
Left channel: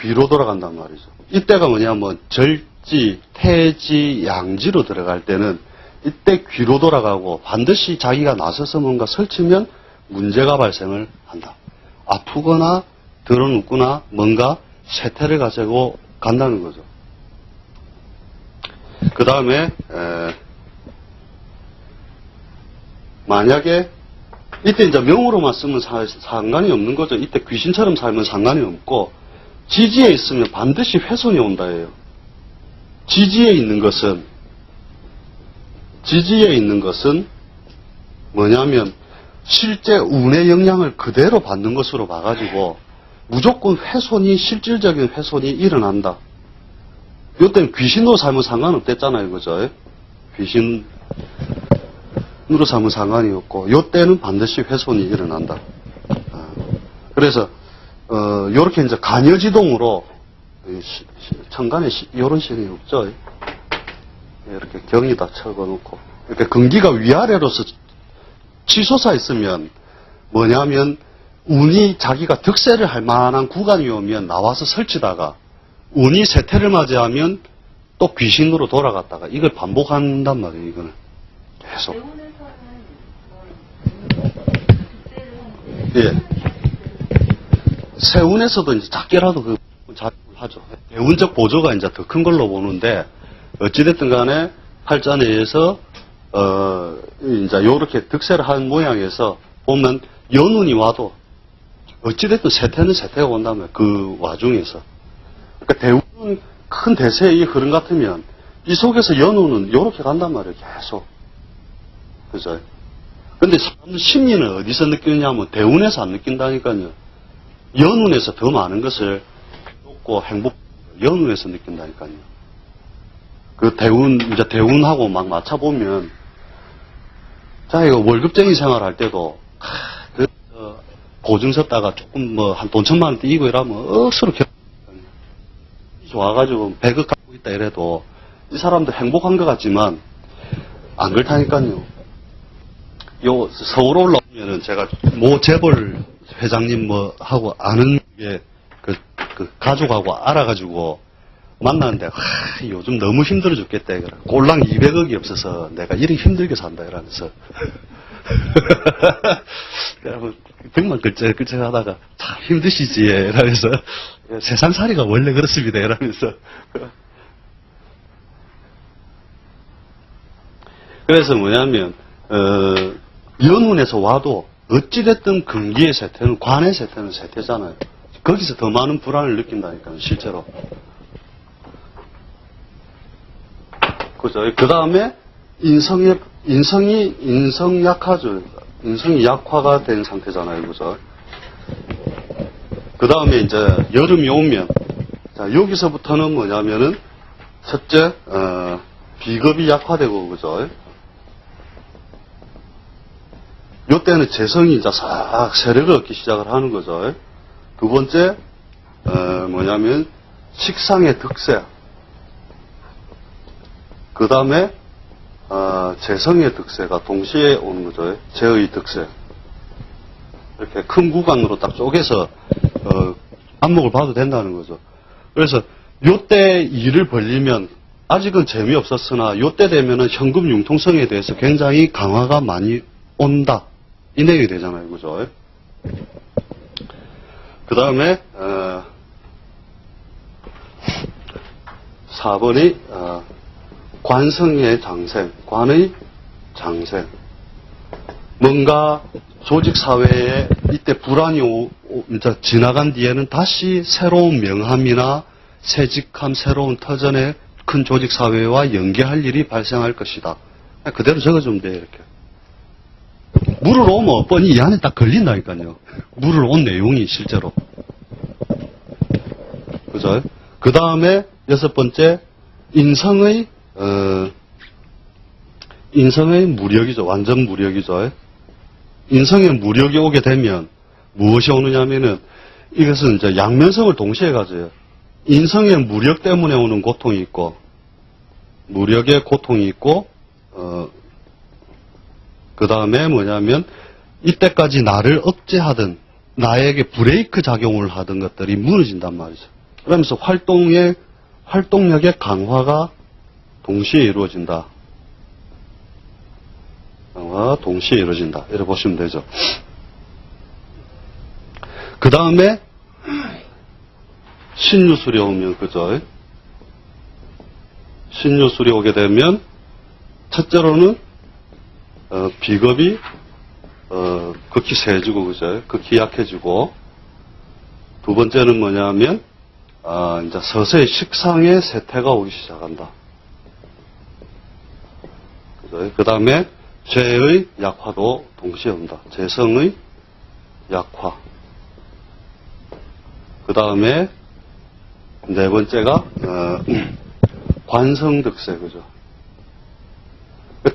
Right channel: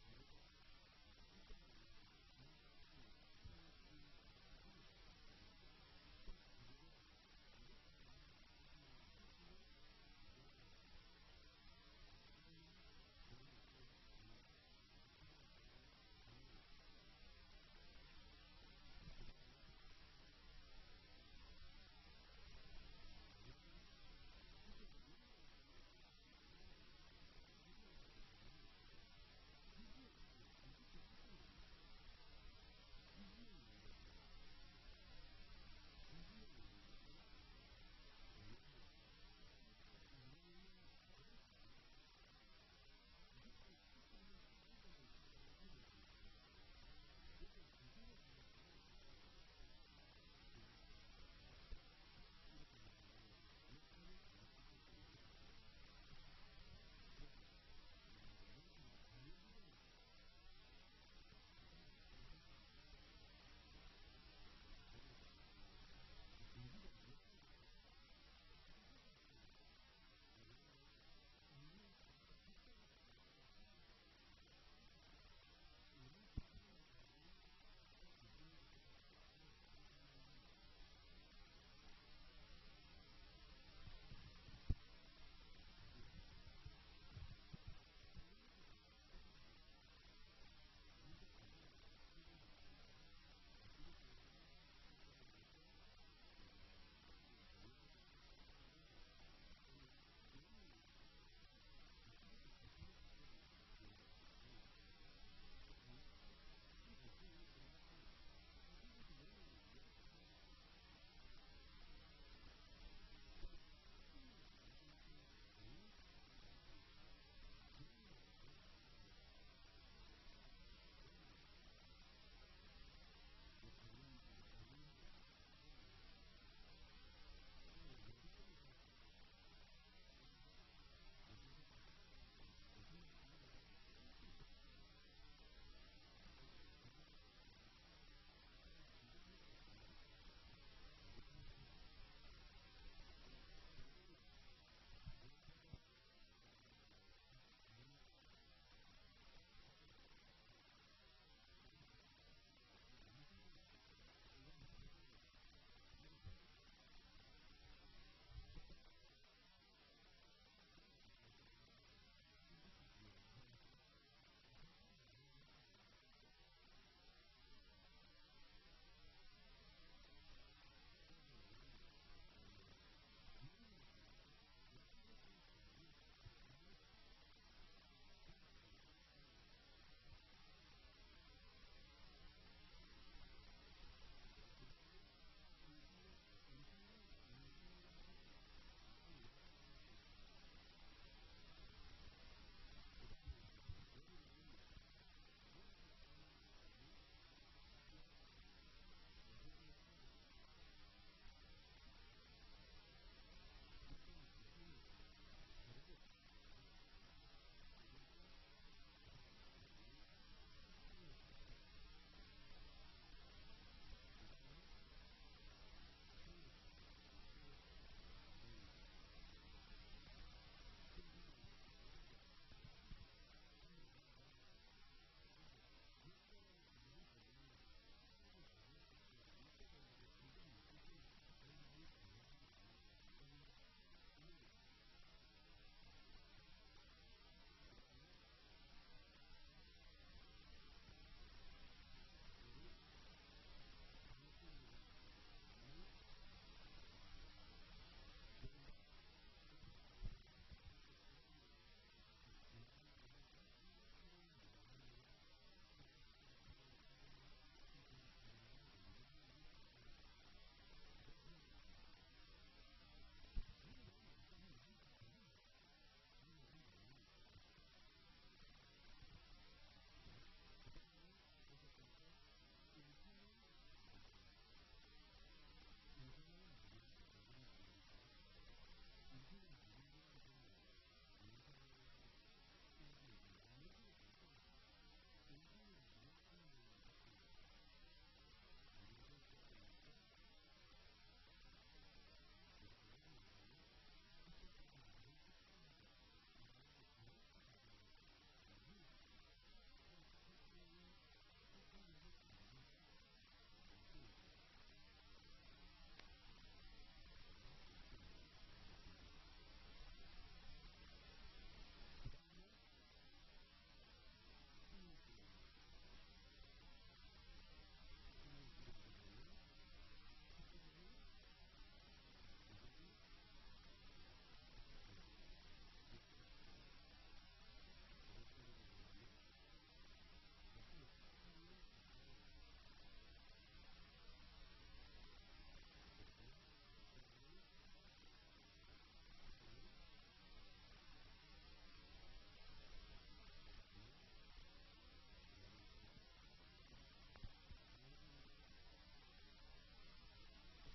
귀로 돌아간단 말이죠. 이때가 뭐냐면 절지, 태지, 양지로 들어갈 때는 이때 귀로 돌아가고 반드시 자기가 나서서 뭔가 설치면 문제가 발생을 한다. 아프거나 드러눕거나 뭔가 세태를 가지고 간다는 거죠. 그 다음에 만약에 이때 이제 명으로만 쓰면 상관이 없는 거죠. 이때 귀신처럼 살면 상관이 없고 지지에 있으면 반드시 훼손이 온다예요. 지지에 있는 것은 뭐냐면 실제 운의 영향을 그대로 받는 것으로 봐가지고 무조건 훼손이 실질적인 훼손이 일어난다. 이때는 귀신으로 살면 상관없댔잖아요, 그죠? 귀신으로 살면 상관이 없고 이때는 반드시 훼손이 일어난다. 그래서 요렇게 이제 간여지동으로 천간에 요런 신이 없죠. 이렇게 경이다 적어놓고 이렇게 근기가 위아래로서 치솟아 있으면 뭐냐면 운이 자기가 득세를 할 만한 구간이 오면 나와서 설치다가 운이 세태를 맞이하면 또 귀신으로 돌아갔다가 이걸 반복한단 말이에요. 이거는 계속. 예. 세운에서도 이제 작게라도 하죠. 대운적 보조가 이제 더 큰 걸로 보는데 어찌됐든 간에 팔자내에서 이제 요렇게 득세를 한 모양에서 보면 연운이 와도 어찌됐든 세태는 세태가 온다면 그 와중에서 그러니까 대운은 큰 대세의 흐름 같으면 이 속에서 연운은 요렇게 간단 말이에요. 계속. 그죠? 근데 사람 심리는 어디서 느끼느냐면 대운에서 안 느낀다니까요. 연운에서 더 많은 것을 놓고 연운에서 느낀다니까요. 그 이제 대운하고 막 맞춰보면, 자, 이거 월급쟁이 생활할 때도, 보증 섰다가 조금 한 돈 1,000만 원 띄고 이러면 억수로 좋아가지고 100억 갖고 있다 이래도 이 사람도 행복한 것 같지만 안 그렇다니까요. 요 서울 올라오면은 제가 모 재벌 회장님 하고 아는 게 그 가족하고 알아가지고 만나는데 요즘 너무 힘들어 죽겠다 이거라. 꼴랑 200억이 없어서 내가 이렇게 힘들게 산다 이러면서 그러면 벽만 끌적끌적 하다가 참 힘드시지 이러면서 세상살이가 원래 그렇습니다 이러면서 그래서 뭐냐면 연운에서 와도 어찌됐든 근기의 세태는 관의 세태는 세태잖아요. 거기서 더 많은 불안을 느낀다니까요, 실제로. 그죠? 그 다음에 인성이 약하죠. 인성이 약화가 된 상태잖아요, 그죠? 그 다음에 이제 여름이 오면, 자, 여기서부터는 뭐냐면은, 첫째, 비겁이 약화되고, 그죠? 요때는 재성이 이제 싹 세력을 얻기 시작을 하는 거죠. 두 번째, 뭐냐면, 식상의 득세. 그 다음에, 재성의 득세가 동시에 오는 거죠. 재의 득세. 이렇게 큰 구간으로 딱 쪼개서, 안목을 봐도 된다는 거죠. 그래서, 요때 일을 벌리면, 아직은 재미없었으나, 요때 되면은 현금 융통성에 대해서 굉장히 강화가 많이 온다. 이 내용이 되잖아요. 그죠? 그 다음에, 4번이, 관성의 장생, 관의 장생. 뭔가 조직 사회에 이때 불안이 이제 지나간 뒤에는 다시 새로운 명함이나 새직함, 새로운 터전의 큰 조직 사회와 연계할 일이 발생할 것이다. 그대로 적어주면 돼요, 이렇게. 물을 오면 뻔히 이 안에 딱 걸린다니까요. 물을 온 내용이 실제로. 그죠? 그 다음에 6번째, 인성의 무력이죠. 완전 무력이죠. 인성의 무력이 오게 되면 무엇이 오느냐면은 이것은 이제 양면성을 동시에 가져요. 인성의 무력 때문에 오는 고통이 있고, 무력의 고통이 있고, 그 다음에 뭐냐면, 이때까지 나를 억제하던, 나에게 브레이크 작용을 하던 것들이 무너진단 말이죠. 그러면서 활동력의 강화가 동시에 이루어진다. 강화가 동시에 이루어진다. 이렇게 보시면 되죠. 그 다음에, 신유술이 오면, 그죠? 신유술이 오게 되면, 첫째로는, 비겁이, 극히 세지고, 그죠? 극히 약해지고, 두 번째는 뭐냐면, 이제 서서히 식상의 세태가 오기 시작한다. 그죠? 그 다음에, 죄의 약화도 동시에 온다. 죄성의 약화. 그 다음에, 네 번째가, 관성득세, 그죠?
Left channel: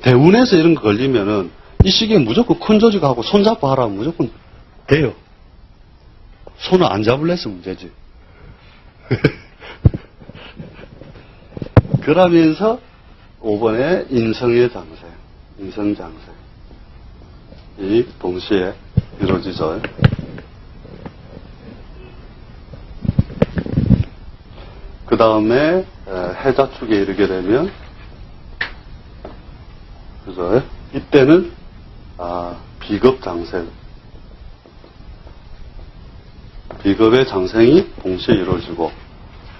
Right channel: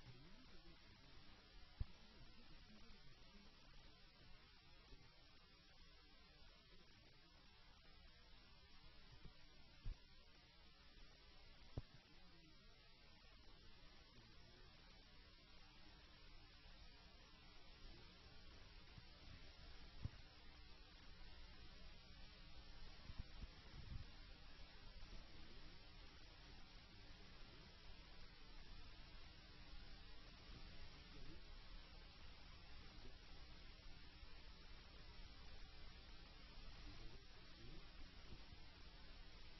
대운에서 이런 거 걸리면은, 이 시기에 무조건 큰 조직하고 손잡고 하라면 무조건 돼요. 손을 안 잡을래서 문제지. 그러면서 5번에 인성의 장세, 인성장세. 이 동시에 이루어지죠. 그 다음에 해자축에 이르게 되면, 그죠? 이때는 비겁장세, 비겁의 장생이 동시에 이루어지고,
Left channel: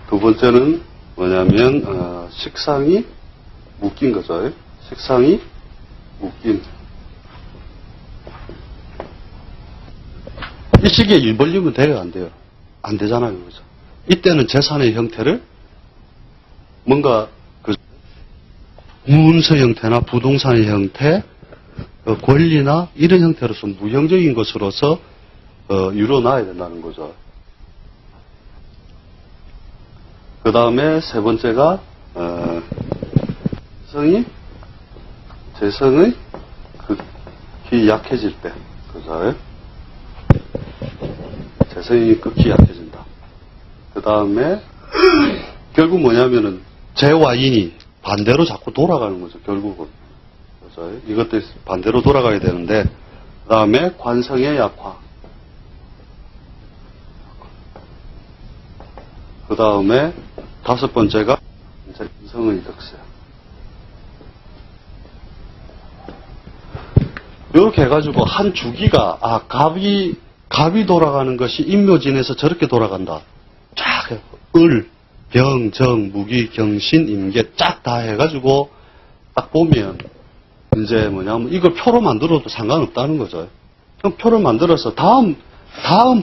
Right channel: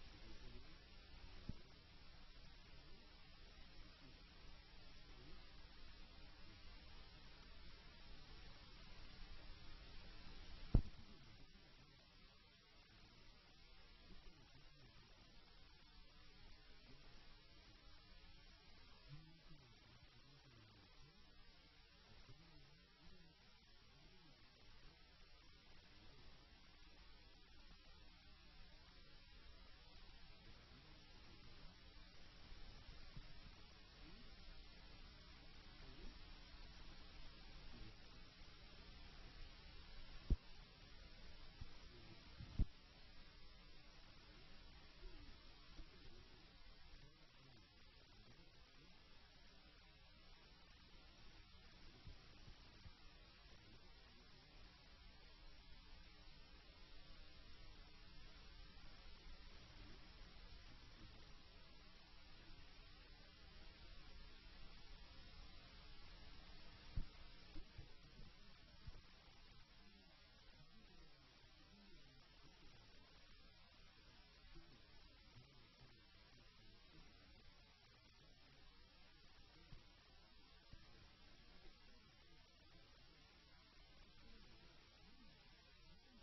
두 번째는 뭐냐면 식상이 묶인 거죠. 식상이 묶인. 이 시기에 일 벌리면 돼요, 안 돼요? 안 되잖아요, 그죠? 이때는 재산의 형태를 뭔가 그 문서 형태나 부동산의 형태, 권리나 이런 형태로서 무형적인 것으로서 이루어놔야 된다는 거죠. 그 다음에 세 번째가 재성의 극히 약해질 때, 그죠? 재성이 극히 약해진다. 그 다음에 결국 뭐냐면은 재와 인이 반대로 자꾸 돌아가는 거죠, 결국은. 그죠? 이것도 반대로 돌아가야 되는데, 그 다음에 관성의 약화. 그 다음에 다섯 번째가 이제 인성의 득세. 이렇게 해가지고 한 주기가 갑이 돌아가는 것이 인묘진에서 저렇게 돌아간다. 쫙 을, 병, 정, 무기, 경신, 임계 쫙 다 해가지고 딱 보면 이제 뭐냐면 이걸 표로 만들어도 상관없다는 거죠. 그럼 표를 만들어서 다음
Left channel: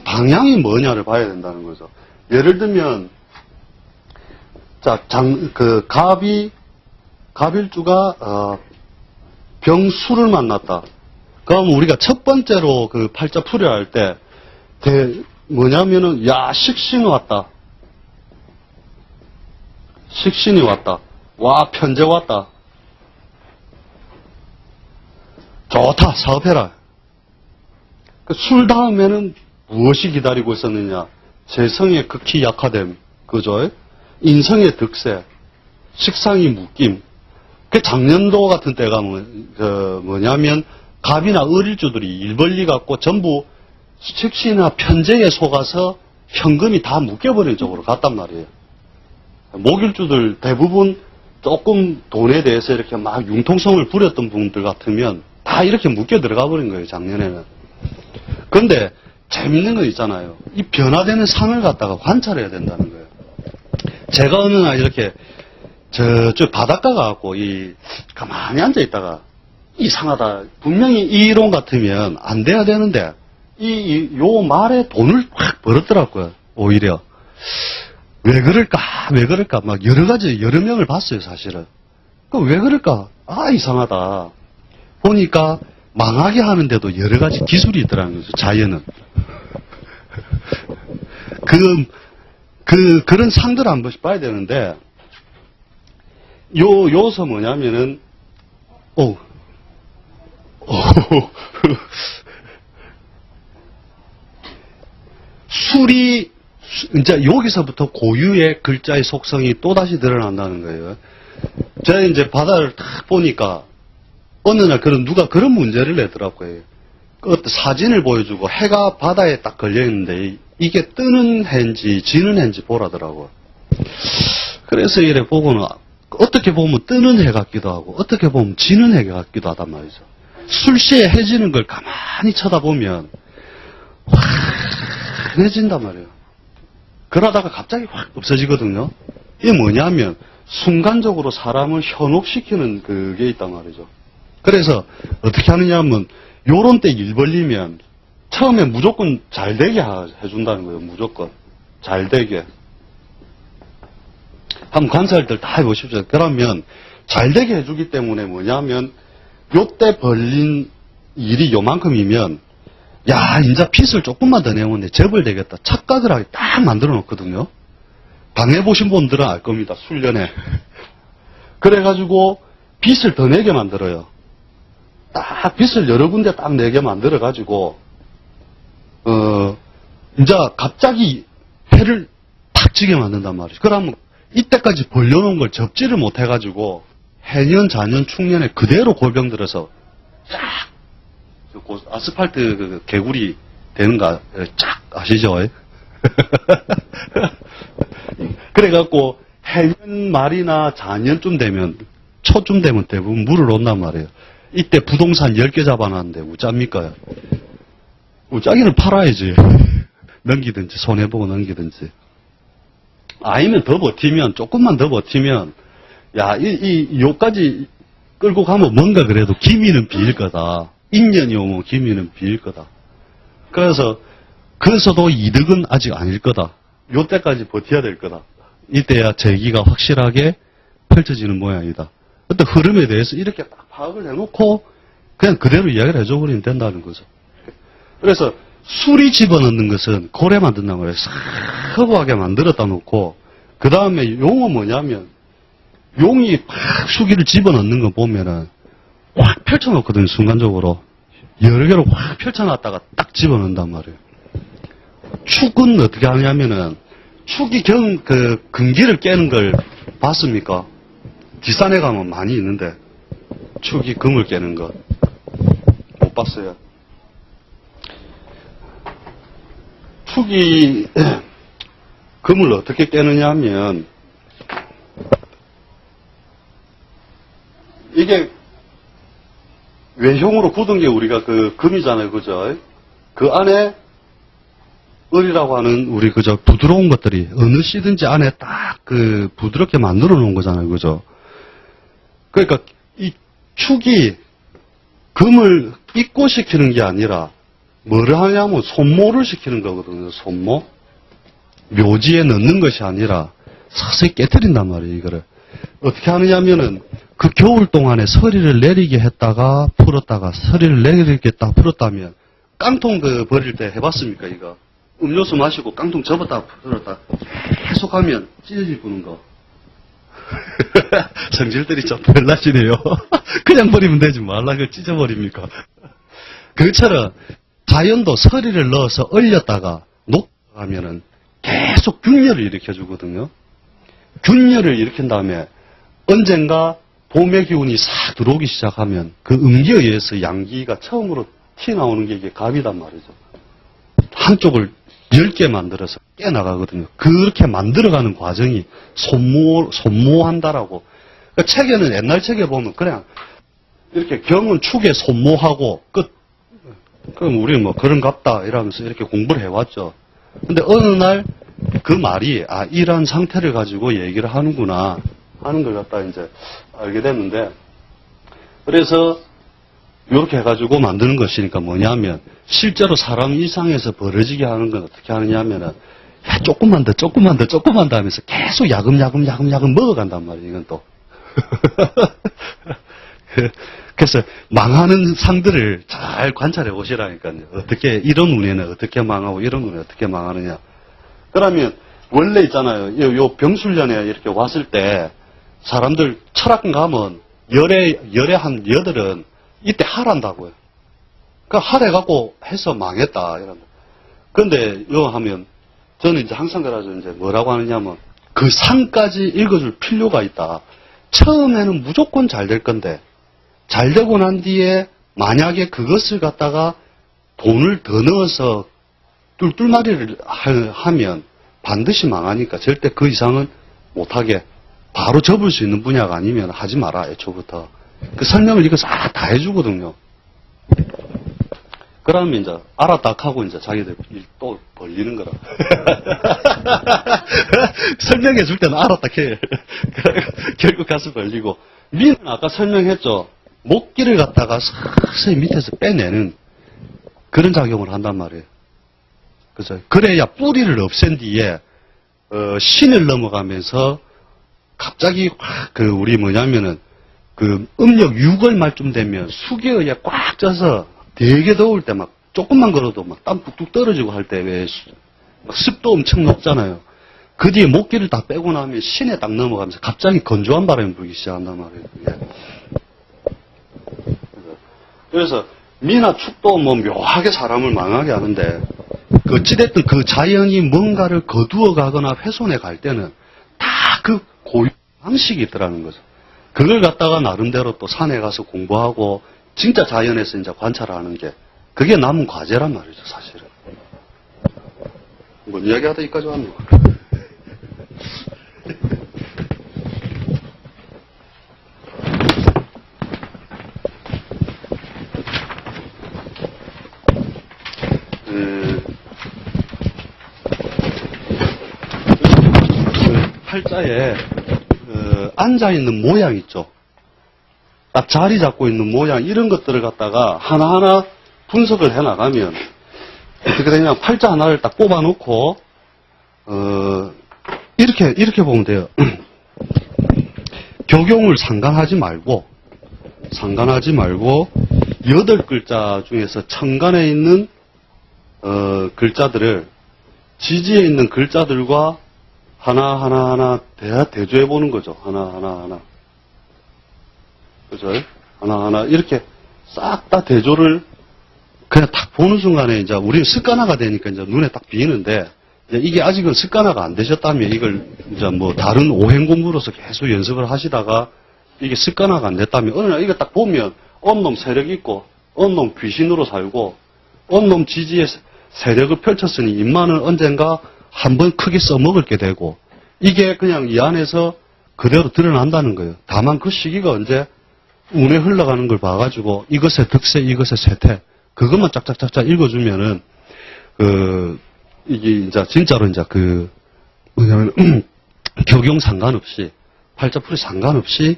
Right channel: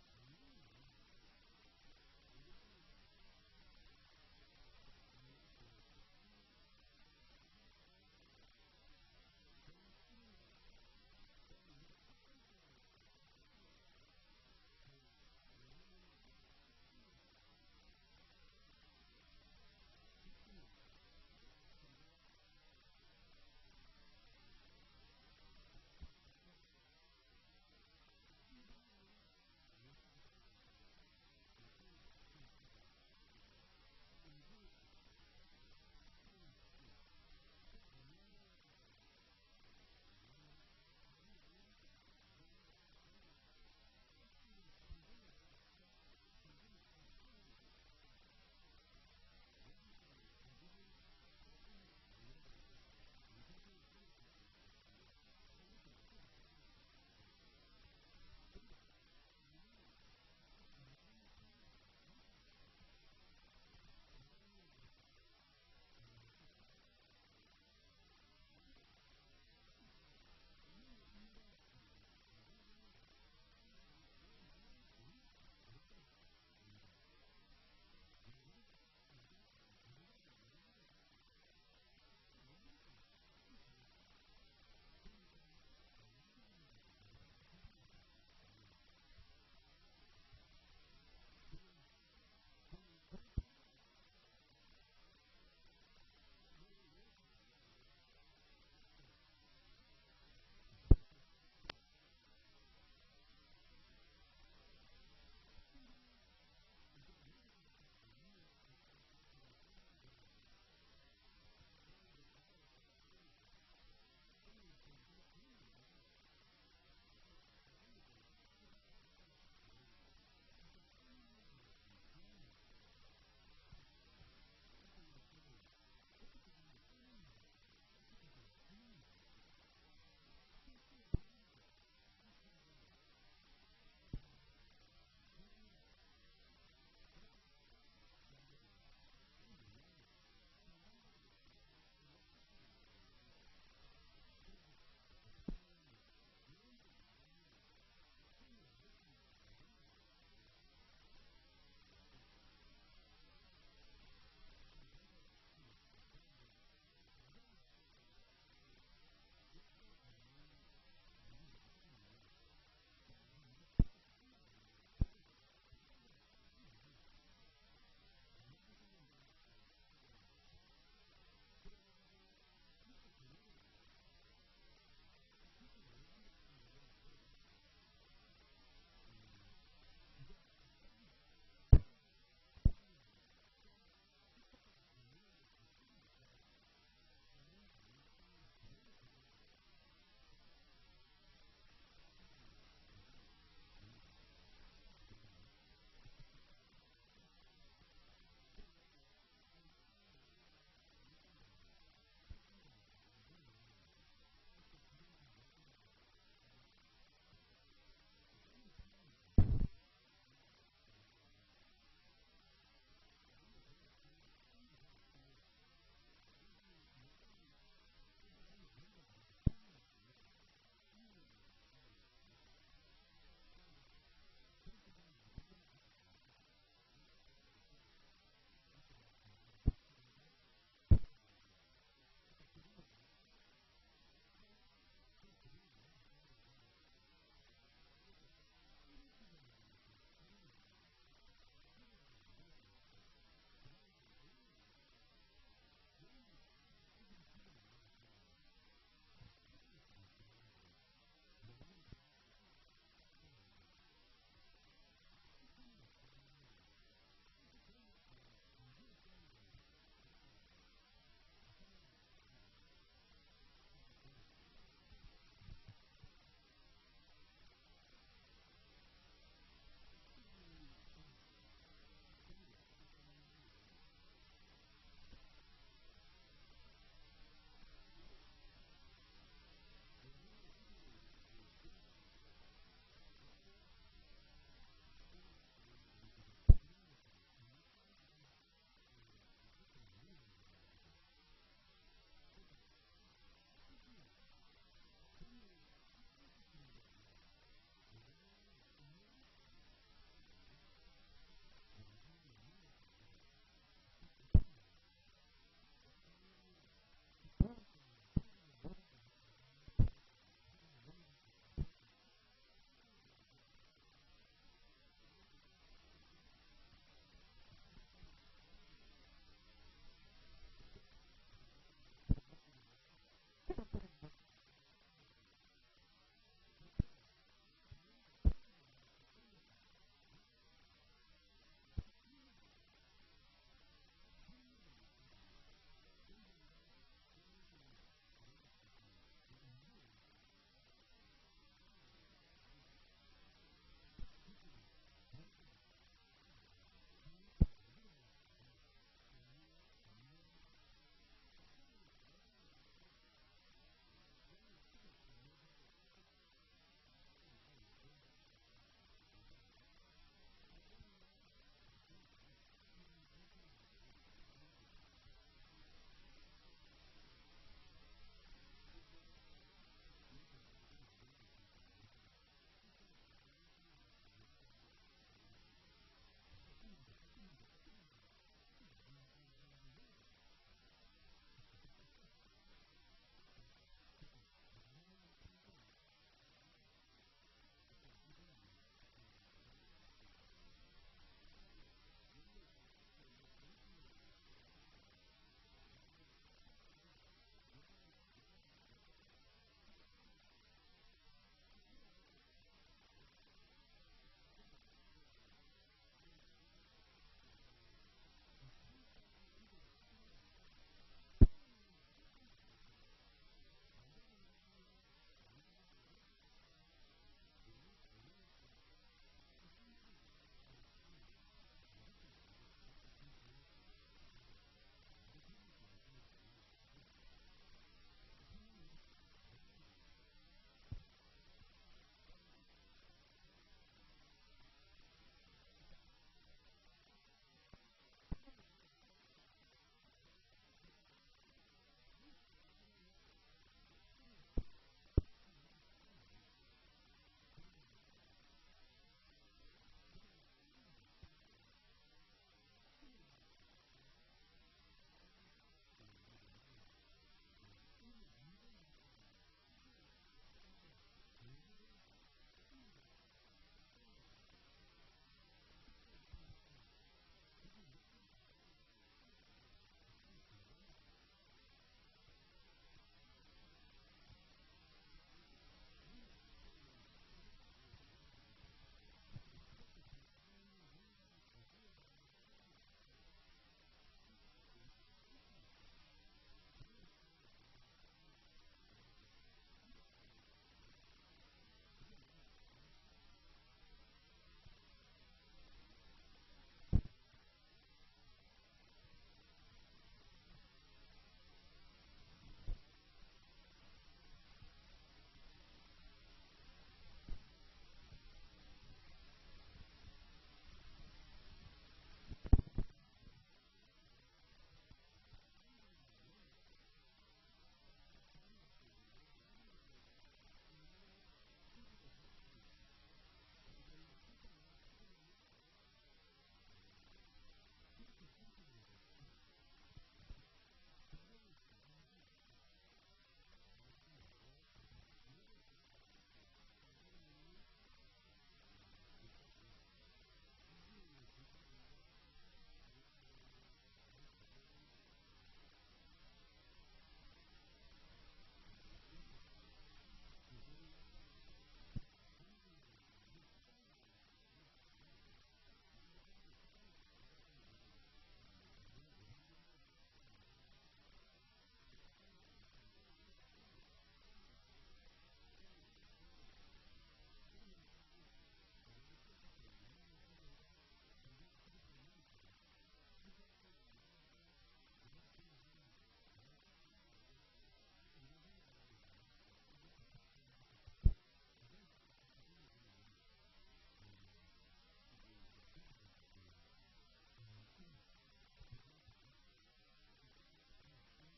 방향이 뭐냐를 봐야 된다는 거죠. 예를 들면 자, 갑일주가 병수를 만났다. 그럼 우리가 첫 번째로 그 팔자 풀이를 할 때 뭐냐면은 식신이 왔다. 식신이 왔다. 와, 편제 왔다. 좋다, 사업해라. 술 다음에는 무엇이 기다리고 있었느냐? 재성의 극히 약화됨, 그죠? 인성의 득세, 식상이 묶임. 그 작년도 같은 때가 뭐냐면 갑이나 을일주들이 일벌리 갖고 전부 식신이나 편제에 속아서 현금이 다 묶여버린 쪽으로 갔단 말이에요. 목일주들 대부분 조금 돈에 대해서 이렇게 막 융통성을 부렸던 분들 같으면 다 이렇게 묶여 들어가 버린 거예요, 작년에는. 그런데 재밌는 거 있잖아요. 이 변화되는 상을 갖다가 관찰해야 된다는 거예요. 제가 어느 날 이렇게 저쪽 바닷가 가갖고 가만히 앉아 있다가 이상하다. 분명히 이 이론 같으면 안 돼야 되는데, 요 말에 돈을 확 벌었더라고요. 오히려. 왜 그럴까? 왜 그럴까? 막 여러 가지, 여러 명을 봤어요, 사실은. 그 왜 그럴까? 아, 이상하다. 보니까 망하게 하는데도 여러 가지 기술이 있더라는 거죠, 자연은. 그런 상들을 한 번씩 봐야 되는데, 요서 뭐냐면은, 이제 여기서부터 고유의 글자의 속성이 또다시 드러난다는 거예요. 제가 이제 바다를 딱 보니까, 어느 날 누가 그런 문제를 내더라고요. 사진을 보여주고 해가 바다에 딱 걸려있는데, 이게 뜨는 해인지 지는 해인지 보라더라고요. 그래서 이래 보고는, 어떻게 보면 뜨는 해 같기도 하고, 어떻게 보면 지는 해 같기도 하단 말이죠. 술시에 해지는 걸 가만히 쳐다보면, 환해진단 말이에요. 그러다가 갑자기 확 없어지거든요. 이게 뭐냐면, 순간적으로 사람을 현혹시키는 그게 있단 말이죠. 그래서 어떻게 하느냐 하면, 요런 때 일 벌리면, 처음에 무조건 잘 되게 해준다는 거예요. 무조건. 잘 되게. 한번 관찰들 다 해보십시오. 그러면 잘 되게 해주기 때문에 뭐냐면 요때 벌린 일이 요만큼이면 야 이제 빚을 조금만 더 내면 재벌되겠다. 착각을 하게 딱 만들어 놓거든요. 당해보신 분들은 알 겁니다. 술련에. 그래가지고 빚을 더 내게 만들어요. 딱 빚을 여러 군데 딱 내게 만들어가지고 이제 갑자기 해를 탁 지게 만든단 말이죠. 그러면 이때까지 벌려놓은 걸 접지를 못해가지고 해년, 자년, 충년에 그대로 골병 들어서 쫙 아스팔트 개구리 되는 거 쫙 아시죠? 그래갖고 해년 말이나 자년쯤 되면 초쯤 되면 대부분 물을 온단 말이에요. 이때 부동산 10개 잡아놨는데 우짜입니까? 우짜기는 팔아야지. 넘기든지 손해보고 넘기든지. 아니면 더 버티면, 조금만 더 버티면, 야, 요까지 끌고 가면 뭔가 그래도 기미는 비일 거다. 인연이 오면 기미는 비일 거다. 그래서도 이득은 아직 아닐 거다. 요 때까지 버텨야 될 거다. 이때야 재기가 확실하게 펼쳐지는 모양이다. 어떤 흐름에 대해서 이렇게 딱 파악을 해놓고, 그냥 그대로 이야기를 해줘버리면 된다는 거죠. 그래서, 술이 집어넣는 것은 고래 만든단 말이에요. 싹 허브하게 만들었다 놓고 그 다음에 용은 뭐냐면 용이 팍 수기를 집어넣는 거 보면은 확 펼쳐놓거든요. 순간적으로 여러 개로 확 펼쳐놨다가 딱 집어넣는단 말이에요. 축은 어떻게 하냐면은 축이 근기를 깨는 걸 봤습니까? 뒷산에 가면 많이 있는데 축이 금을 깨는 거 못 봤어요. 축이 금을 어떻게 깨느냐 하면 이게 외형으로 굳은 게 우리가 그 금이잖아요. 그죠? 그 안에 을이라고 하는 우리 그저 부드러운 것들이 어느 씨든지 안에 딱 그 부드럽게 만들어 놓은 거잖아요. 그죠? 그러니까 이 축이 금을 입고시키는 게 아니라 뭐를 하냐면 손모를 시키는 거거든요. 손모. 묘지에 넣는 것이 아니라 서서히 깨뜨린단 말이에요. 이거를. 어떻게 하느냐면은 그 겨울 동안에 서리를 내리게 했다가 풀었다가 서리를 내리겠다 풀었다면 깡통 버릴 때 해봤습니까? 이거. 음료수 마시고 깡통 접었다 풀었다 계속 하면 찢어질 부는 거. 성질들이 좀 별나시네요. 그냥 버리면 되지 말라 그걸 찢어버립니까? 그것처럼 자연도 서리를 넣어서 얼렸다가 녹하면은 계속 균열을 일으켜주거든요. 균열을 일으킨 다음에 언젠가 봄의 기운이 싹 들어오기 시작하면 그 음기에 의해서 양기가 처음으로 튀어나오는 게 이게 갑이단 말이죠. 한쪽을 10개 만들어서 깨나가거든요. 그렇게 만들어가는 과정이 손모한다라고. 그러니까 책에는 옛날 책에 보면 그냥 이렇게 경은 축에 손모하고 끝. 그럼 우리는 뭐 그런갑다 이러면서 이렇게 공부를 해왔죠. 근데 어느 날 그 말이 이런 상태를 가지고 얘기를 하는구나 하는 걸 갖다 이제 알게 됐는데 그래서 이렇게 해가지고 만드는 것이니까 뭐냐면, 실제로 사람 일상에서 벌어지게 하는 건 어떻게 하느냐 하면은, 야, 조금만 더, 조금만 더, 조금만 더 하면서 계속 야금야금 먹어간단 말이에요, 이건 또. 그래서 망하는 상들을 잘 관찰해 보시라니까요. 어떻게, 이런 운에는 어떻게 망하고, 이런 운에 어떻게 망하느냐. 그러면, 원래 있잖아요. 요 병술련에 이렇게 왔을 때, 사람들 철학관 가면, 열에 한 8은 이때 하란다고요. 그 하래갖고 해서 망했다. 이런. 근데, 요 하면, 저는 이제 항상 그러죠. 이제 뭐라고 하느냐면, 그 상까지 읽어줄 필요가 있다. 처음에는 무조건 잘 될 건데, 잘 되고 난 뒤에 만약에 그것을 갖다가 돈을 더 넣어서 뚫뚫마리를 하면 반드시 망하니까 절대 그 이상은 못하게 바로 접을 수 있는 분야가 아니면 하지 마라, 애초부터. 그 설명을 이거 싹 다 해주거든요. 그러면 이제 알았다 하고 이제 자기들 일 또 벌리는 거라. 설명해 줄 때는 알았다 해. 결국 가서 벌리고. 미는 아까 설명했죠. 목기를 갖다가 서서히 밑에서 빼내는 그런 작용을 한단 말이에요. 그죠? 그래야 뿌리를 없앤 뒤에 신을 넘어가면서 갑자기 확 우리 뭐냐면은 그 음력 6월 말쯤 되면 수계에 꽉 쪄서 되게 더울 때 막 조금만 걸어도 막 땀 뚝뚝 떨어지고 할 때 왜 습도 엄청 높잖아요. 그 뒤에 목기를 다 빼고 나면 신에 딱 넘어가면서 갑자기 건조한 바람이 불기 시작한단 말이에요. 그게. 그래서 미나 축도 뭐 묘하게 사람을 망하게 하는데 어찌됐든 그 자연이 뭔가를 거두어 가거나 훼손해 갈 때는 다 그 고유 방식이 있더라는 거죠. 그걸 갖다가 나름대로 또 산에 가서 공부하고 진짜 자연에서 이제 관찰하는 게 그게 남은 과제란 말이죠, 사실은. 뭐 이야기하다 여기까지 왔네요. 팔자에 앉아있는 모양 있죠. 딱 자리 잡고 있는 모양 이런 것들을 갖다가 하나하나 분석을 해나가면 어떻게 되냐 팔자 하나를 딱 뽑아놓고 이렇게 보면 돼요. 교경을 상관하지 말고 8글자 중에서 천간에 있는 글자들을 지지에 있는 글자들과 하나 대조해 보는 거죠. 하나. 그죠? 하나 이렇게 싹 다 대조를 그냥 딱 보는 순간에 이제 우리는 습관화가 되니까 이제 눈에 딱 비이는데 이게 아직은 습관화가 안 되셨다면 이걸 이제 뭐 다른 오행 공부로서 계속 연습을 하시다가 이게 습관화가 안 됐다면 어느 날 이거 딱 보면 온놈 세력 있고 온놈 귀신으로 살고 온놈 지지에 세력을 펼쳤으니 인마는 언젠가 한번 크게 써먹을 게 되고 이게 그냥 이 안에서 그대로 드러난다는 거예요. 다만 그 시기가 언제 운에 흘러가는 걸 봐가지고 이것의 득세, 이것의 쇠퇴 그것만 짝짝짝짝 읽어주면은 이게 이제 진짜로 이제 뭐냐면 교경 상관없이 팔자풀이 상관없이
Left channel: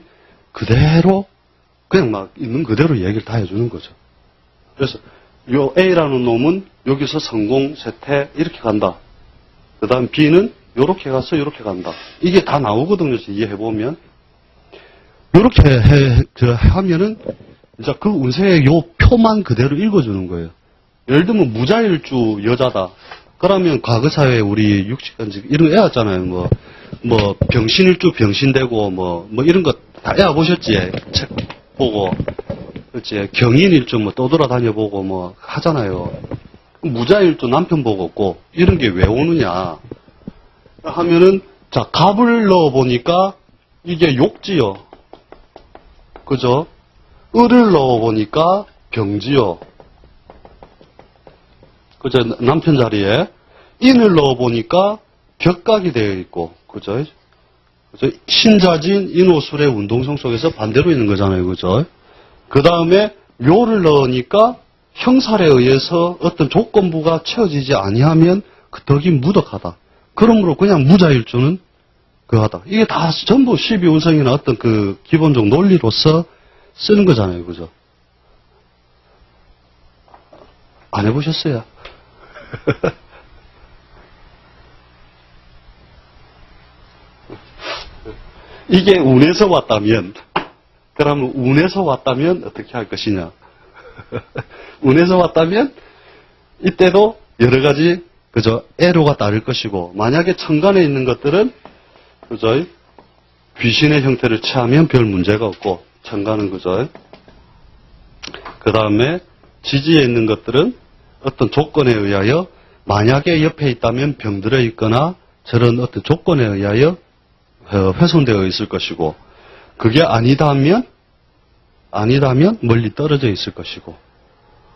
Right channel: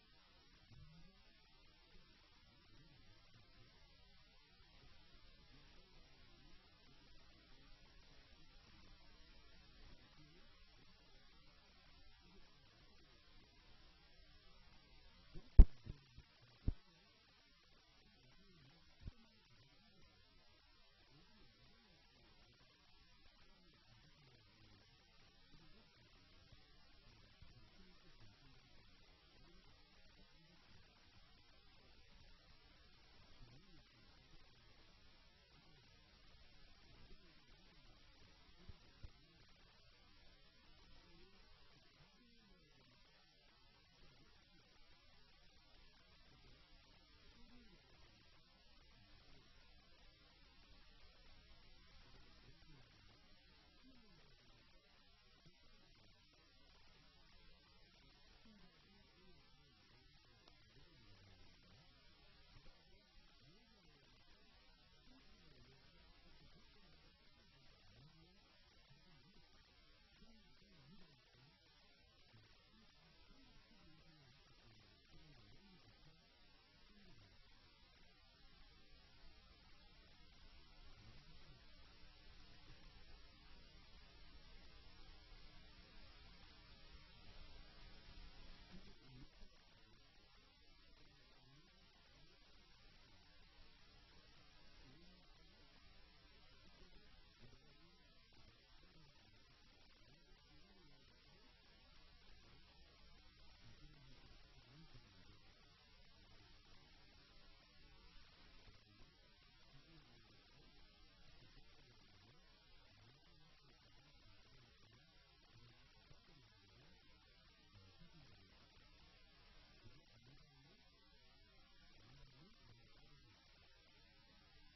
그대로 그냥 막 있는 그대로 얘기를 다 해주는 거죠. 그래서 요 A라는 놈은 여기서 성공, 쇠퇴 이렇게 간다. 그 다음 B는 요렇게 가서 요렇게 간다. 이게 다 나오거든요. 이해해보면. 요렇게 하면은, 이제 그 운세의 요 표만 그대로 읽어주는 거예요. 예를 들면 무자일주 여자다. 그러면 과거사회 우리 육식간지 이런 거 애왔잖아요. 뭐 병신일주 병신되고 뭐 이런 거 다 애와보셨지. 책 보고. 그렇지. 경인일주 뭐 떠돌아다녀보고 뭐 하잖아요. 무자일주 남편 보고 없고 이런 게 왜 오느냐 하면은 자 갑을 넣어보니까 이게 욕지요. 그죠? 을을 넣어보니까 병지요. 그죠? 남편 자리에 인을 넣어보니까 격각이 되어 있고 그죠? 그죠? 신자진 인호술의 운동성 속에서 반대로 있는 거잖아요. 그죠? 그 다음에 묘를 넣으니까 형살에 의해서 어떤 조건부가 채워지지 아니하면 그 덕이 무덕하다. 그러므로 그냥 무자일주는 그하다. 이게 다 전부 12운성이나 어떤 그 기본적 논리로서 쓰는 거잖아요. 그죠? 안 해보셨어요? 이게 운에서 왔다면, 그러면 운에서 왔다면 어떻게 할 것이냐? 운에서 왔다면 이때도 여러 가지 그저 애로가 따를 것이고, 만약에 천간에 있는 것들은 그저 귀신의 형태를 취하면 별 문제가 없고, 천간은 그저 그 다음에 지지에 있는 것들은 어떤 조건에 의하여 만약에 옆에 있다면 병들어 있거나 저런 어떤 조건에 의하여 훼손되어 있을 것이고, 그게 아니다면 멀리 떨어져 있을 것이고,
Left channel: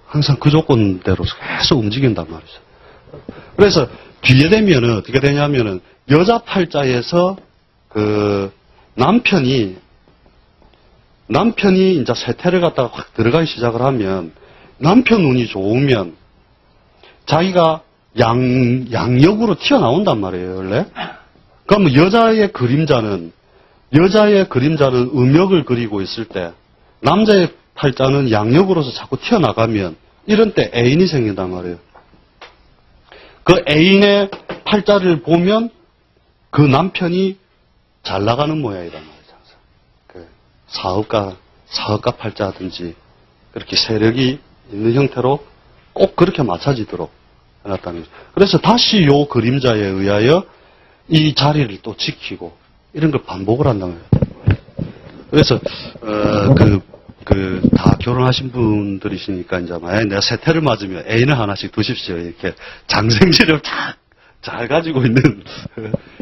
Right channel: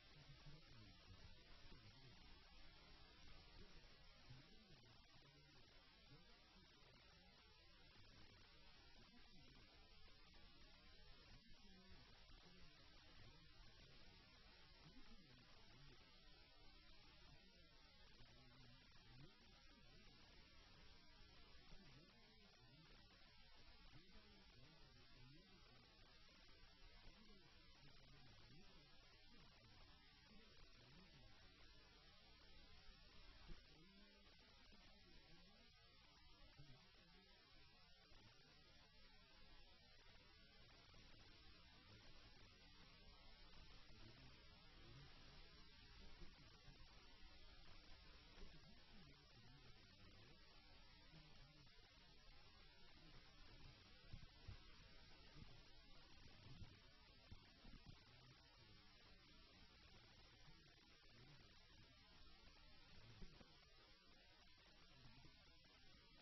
항상 그 조건대로 계속 움직인단 말이죠. 그래서 뒤에 되면은 어떻게 되냐면은 여자 팔자에서 그 남편이 이제 세태를 갖다가 확 들어가기 시작을 하면, 남편 운이 좋으면 자기가 양력으로 튀어나온단 말이에요, 원래. 그러면 여자의 그림자는 음역을 그리고 있을 때, 남자의 팔자는 양력으로서 자꾸 튀어나가면, 이런 때 애인이 생긴단 말이에요. 그 애인의 팔자를 보면 그 남편이 잘 나가는 모양이란 말이죠. 그 사업가 팔자든지 그렇게 세력이 있는 형태로 꼭 그렇게 맞춰지도록 해놨다는 거죠. 그래서 다시 요 그림자에 의하여 이 자리를 또 지키고 이런 걸 반복을 한단 말이에요. 그래서 다 결혼하신 분들이시니까 이제 만약에 내가 세태를 맞으면 애인을 하나씩 두십시오. 이렇게 장생지를 잘 가지고 있는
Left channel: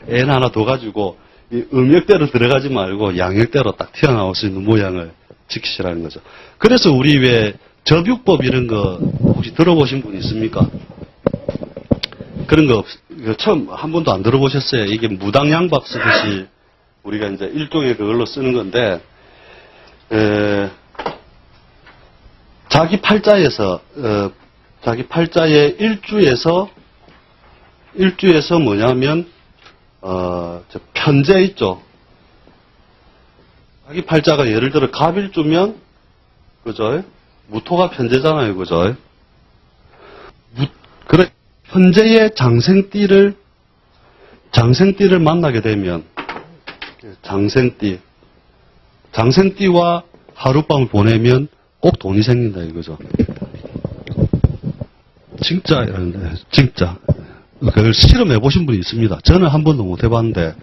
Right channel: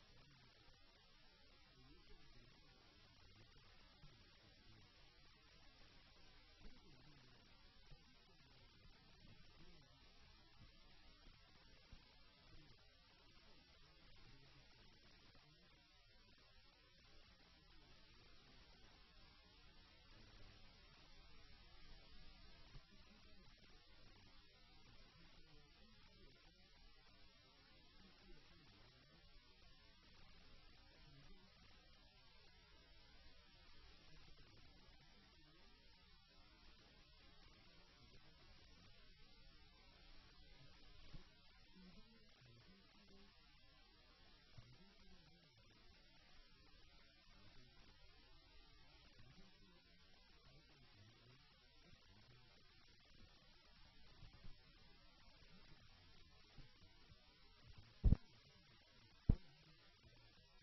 애인 하나 더 가지고 이 음역대로 들어가지 말고 양역대로 딱 튀어나올 수 있는 모양을 지키시라는 거죠. 그래서 우리 왜 접육법 이런 거 혹시 들어보신 분 있습니까? 그런 거 처음 한 번도 안 들어보셨어요? 이게 무당양박 쓰듯이 우리가 이제 일종의 그걸로 쓰는 건데, 자기 팔자의 일주에서 뭐냐면, 편재 있죠? 자기 팔자가 예를 들어 갑일주면, 그죠? 무토가 편재잖아요, 그죠? 그래, 현재의 장생띠를 만나게 되면, 장생띠와 하룻밤을 보내면 꼭 돈이 생긴다 이거죠. 진짜 이러는데, 진짜. 그걸 실험해 보신 분이 있습니다. 저는 한 번도 못 해봤는데,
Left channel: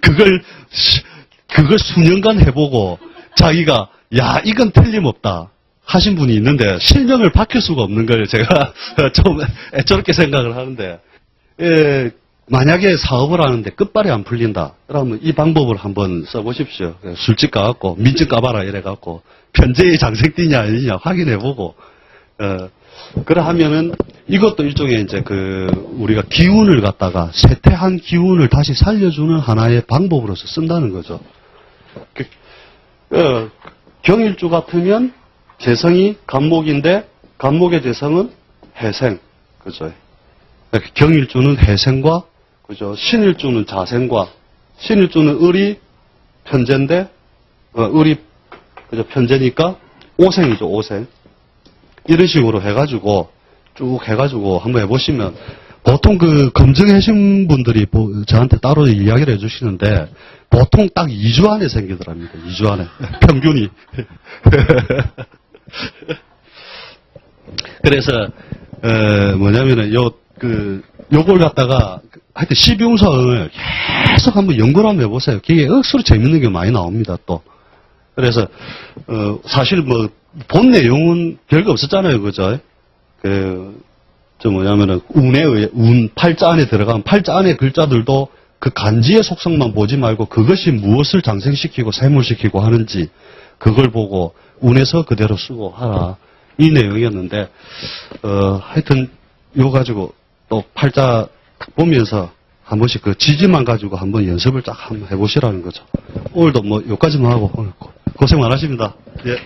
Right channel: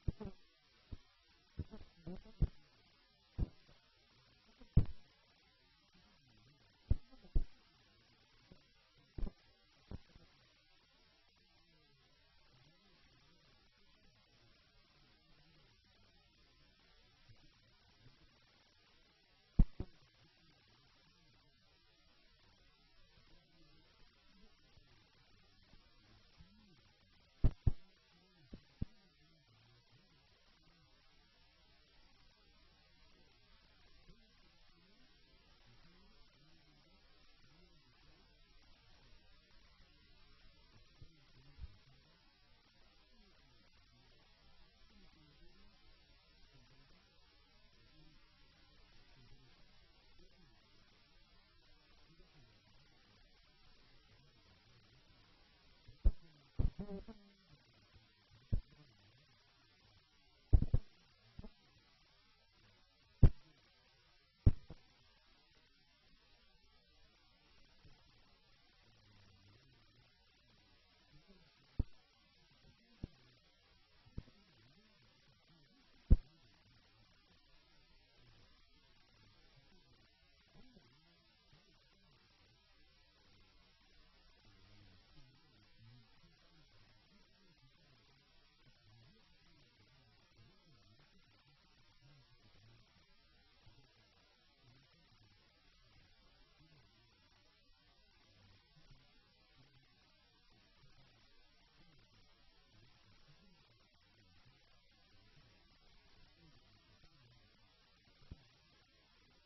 그걸 수년간 해보고, 자기가, 야, 이건 틀림없다. 하신 분이 있는데, 실명을 밝힐 수가 없는 걸 제가 좀 애처롭게 생각을 하는데, 만약에 사업을 하는데 끝발이 안 풀린다. 그러면 이 방법을 한번 써보십시오. 술집 가갖고, 민증 까봐라 이래갖고, 편재의 장생띠냐 아니냐 확인해보고, 그래 하면은 이것도 일종의 이제 우리가 기운을 갖다가 쇠퇴한 기운을 다시 살려주는 하나의 방법으로서 쓴다는 거죠. 경일주 같으면 재성이 간목인데 간목의 재성은 해생, 그죠? 경일주는 해생과 그죠? 신일주는 자생과 신일주는 을이 편재인데 을이 그죠? 편재니까 오생이죠, 오생. 이런 식으로 해가지고 쭉 해가지고 한번 해보시면 보통 검증하신 분들이 저한테 따로 이야기를 해주시는데 보통 딱 2주 안에 생기더랍니다. 2주 안에 평균이. 그래서 뭐냐면은 요걸 갖다가 하여튼 12운성을 계속 한번 연구를 한번 해보세요. 그게 억수로 재밌는 게 많이 나옵니다. 또 그래서 사실 본 내용은 별거 없었잖아요. 그죠? 뭐냐면은, 팔자 안에 들어가면 팔자 안에 글자들도 그 간지의 속성만 보지 말고 그것이 무엇을 장생시키고 쇠물시키고 하는지 그걸 보고 운에서 그대로 쓰고 하라. 이 내용이었는데, 하여튼, 요 가지고 또 팔자 딱 보면서 한 번씩 지지만 가지고 한번 연습을 쫙 한번 해보시라는 거죠. 오늘도 요까지만 하고 오늘 고생 많으십니다. 예.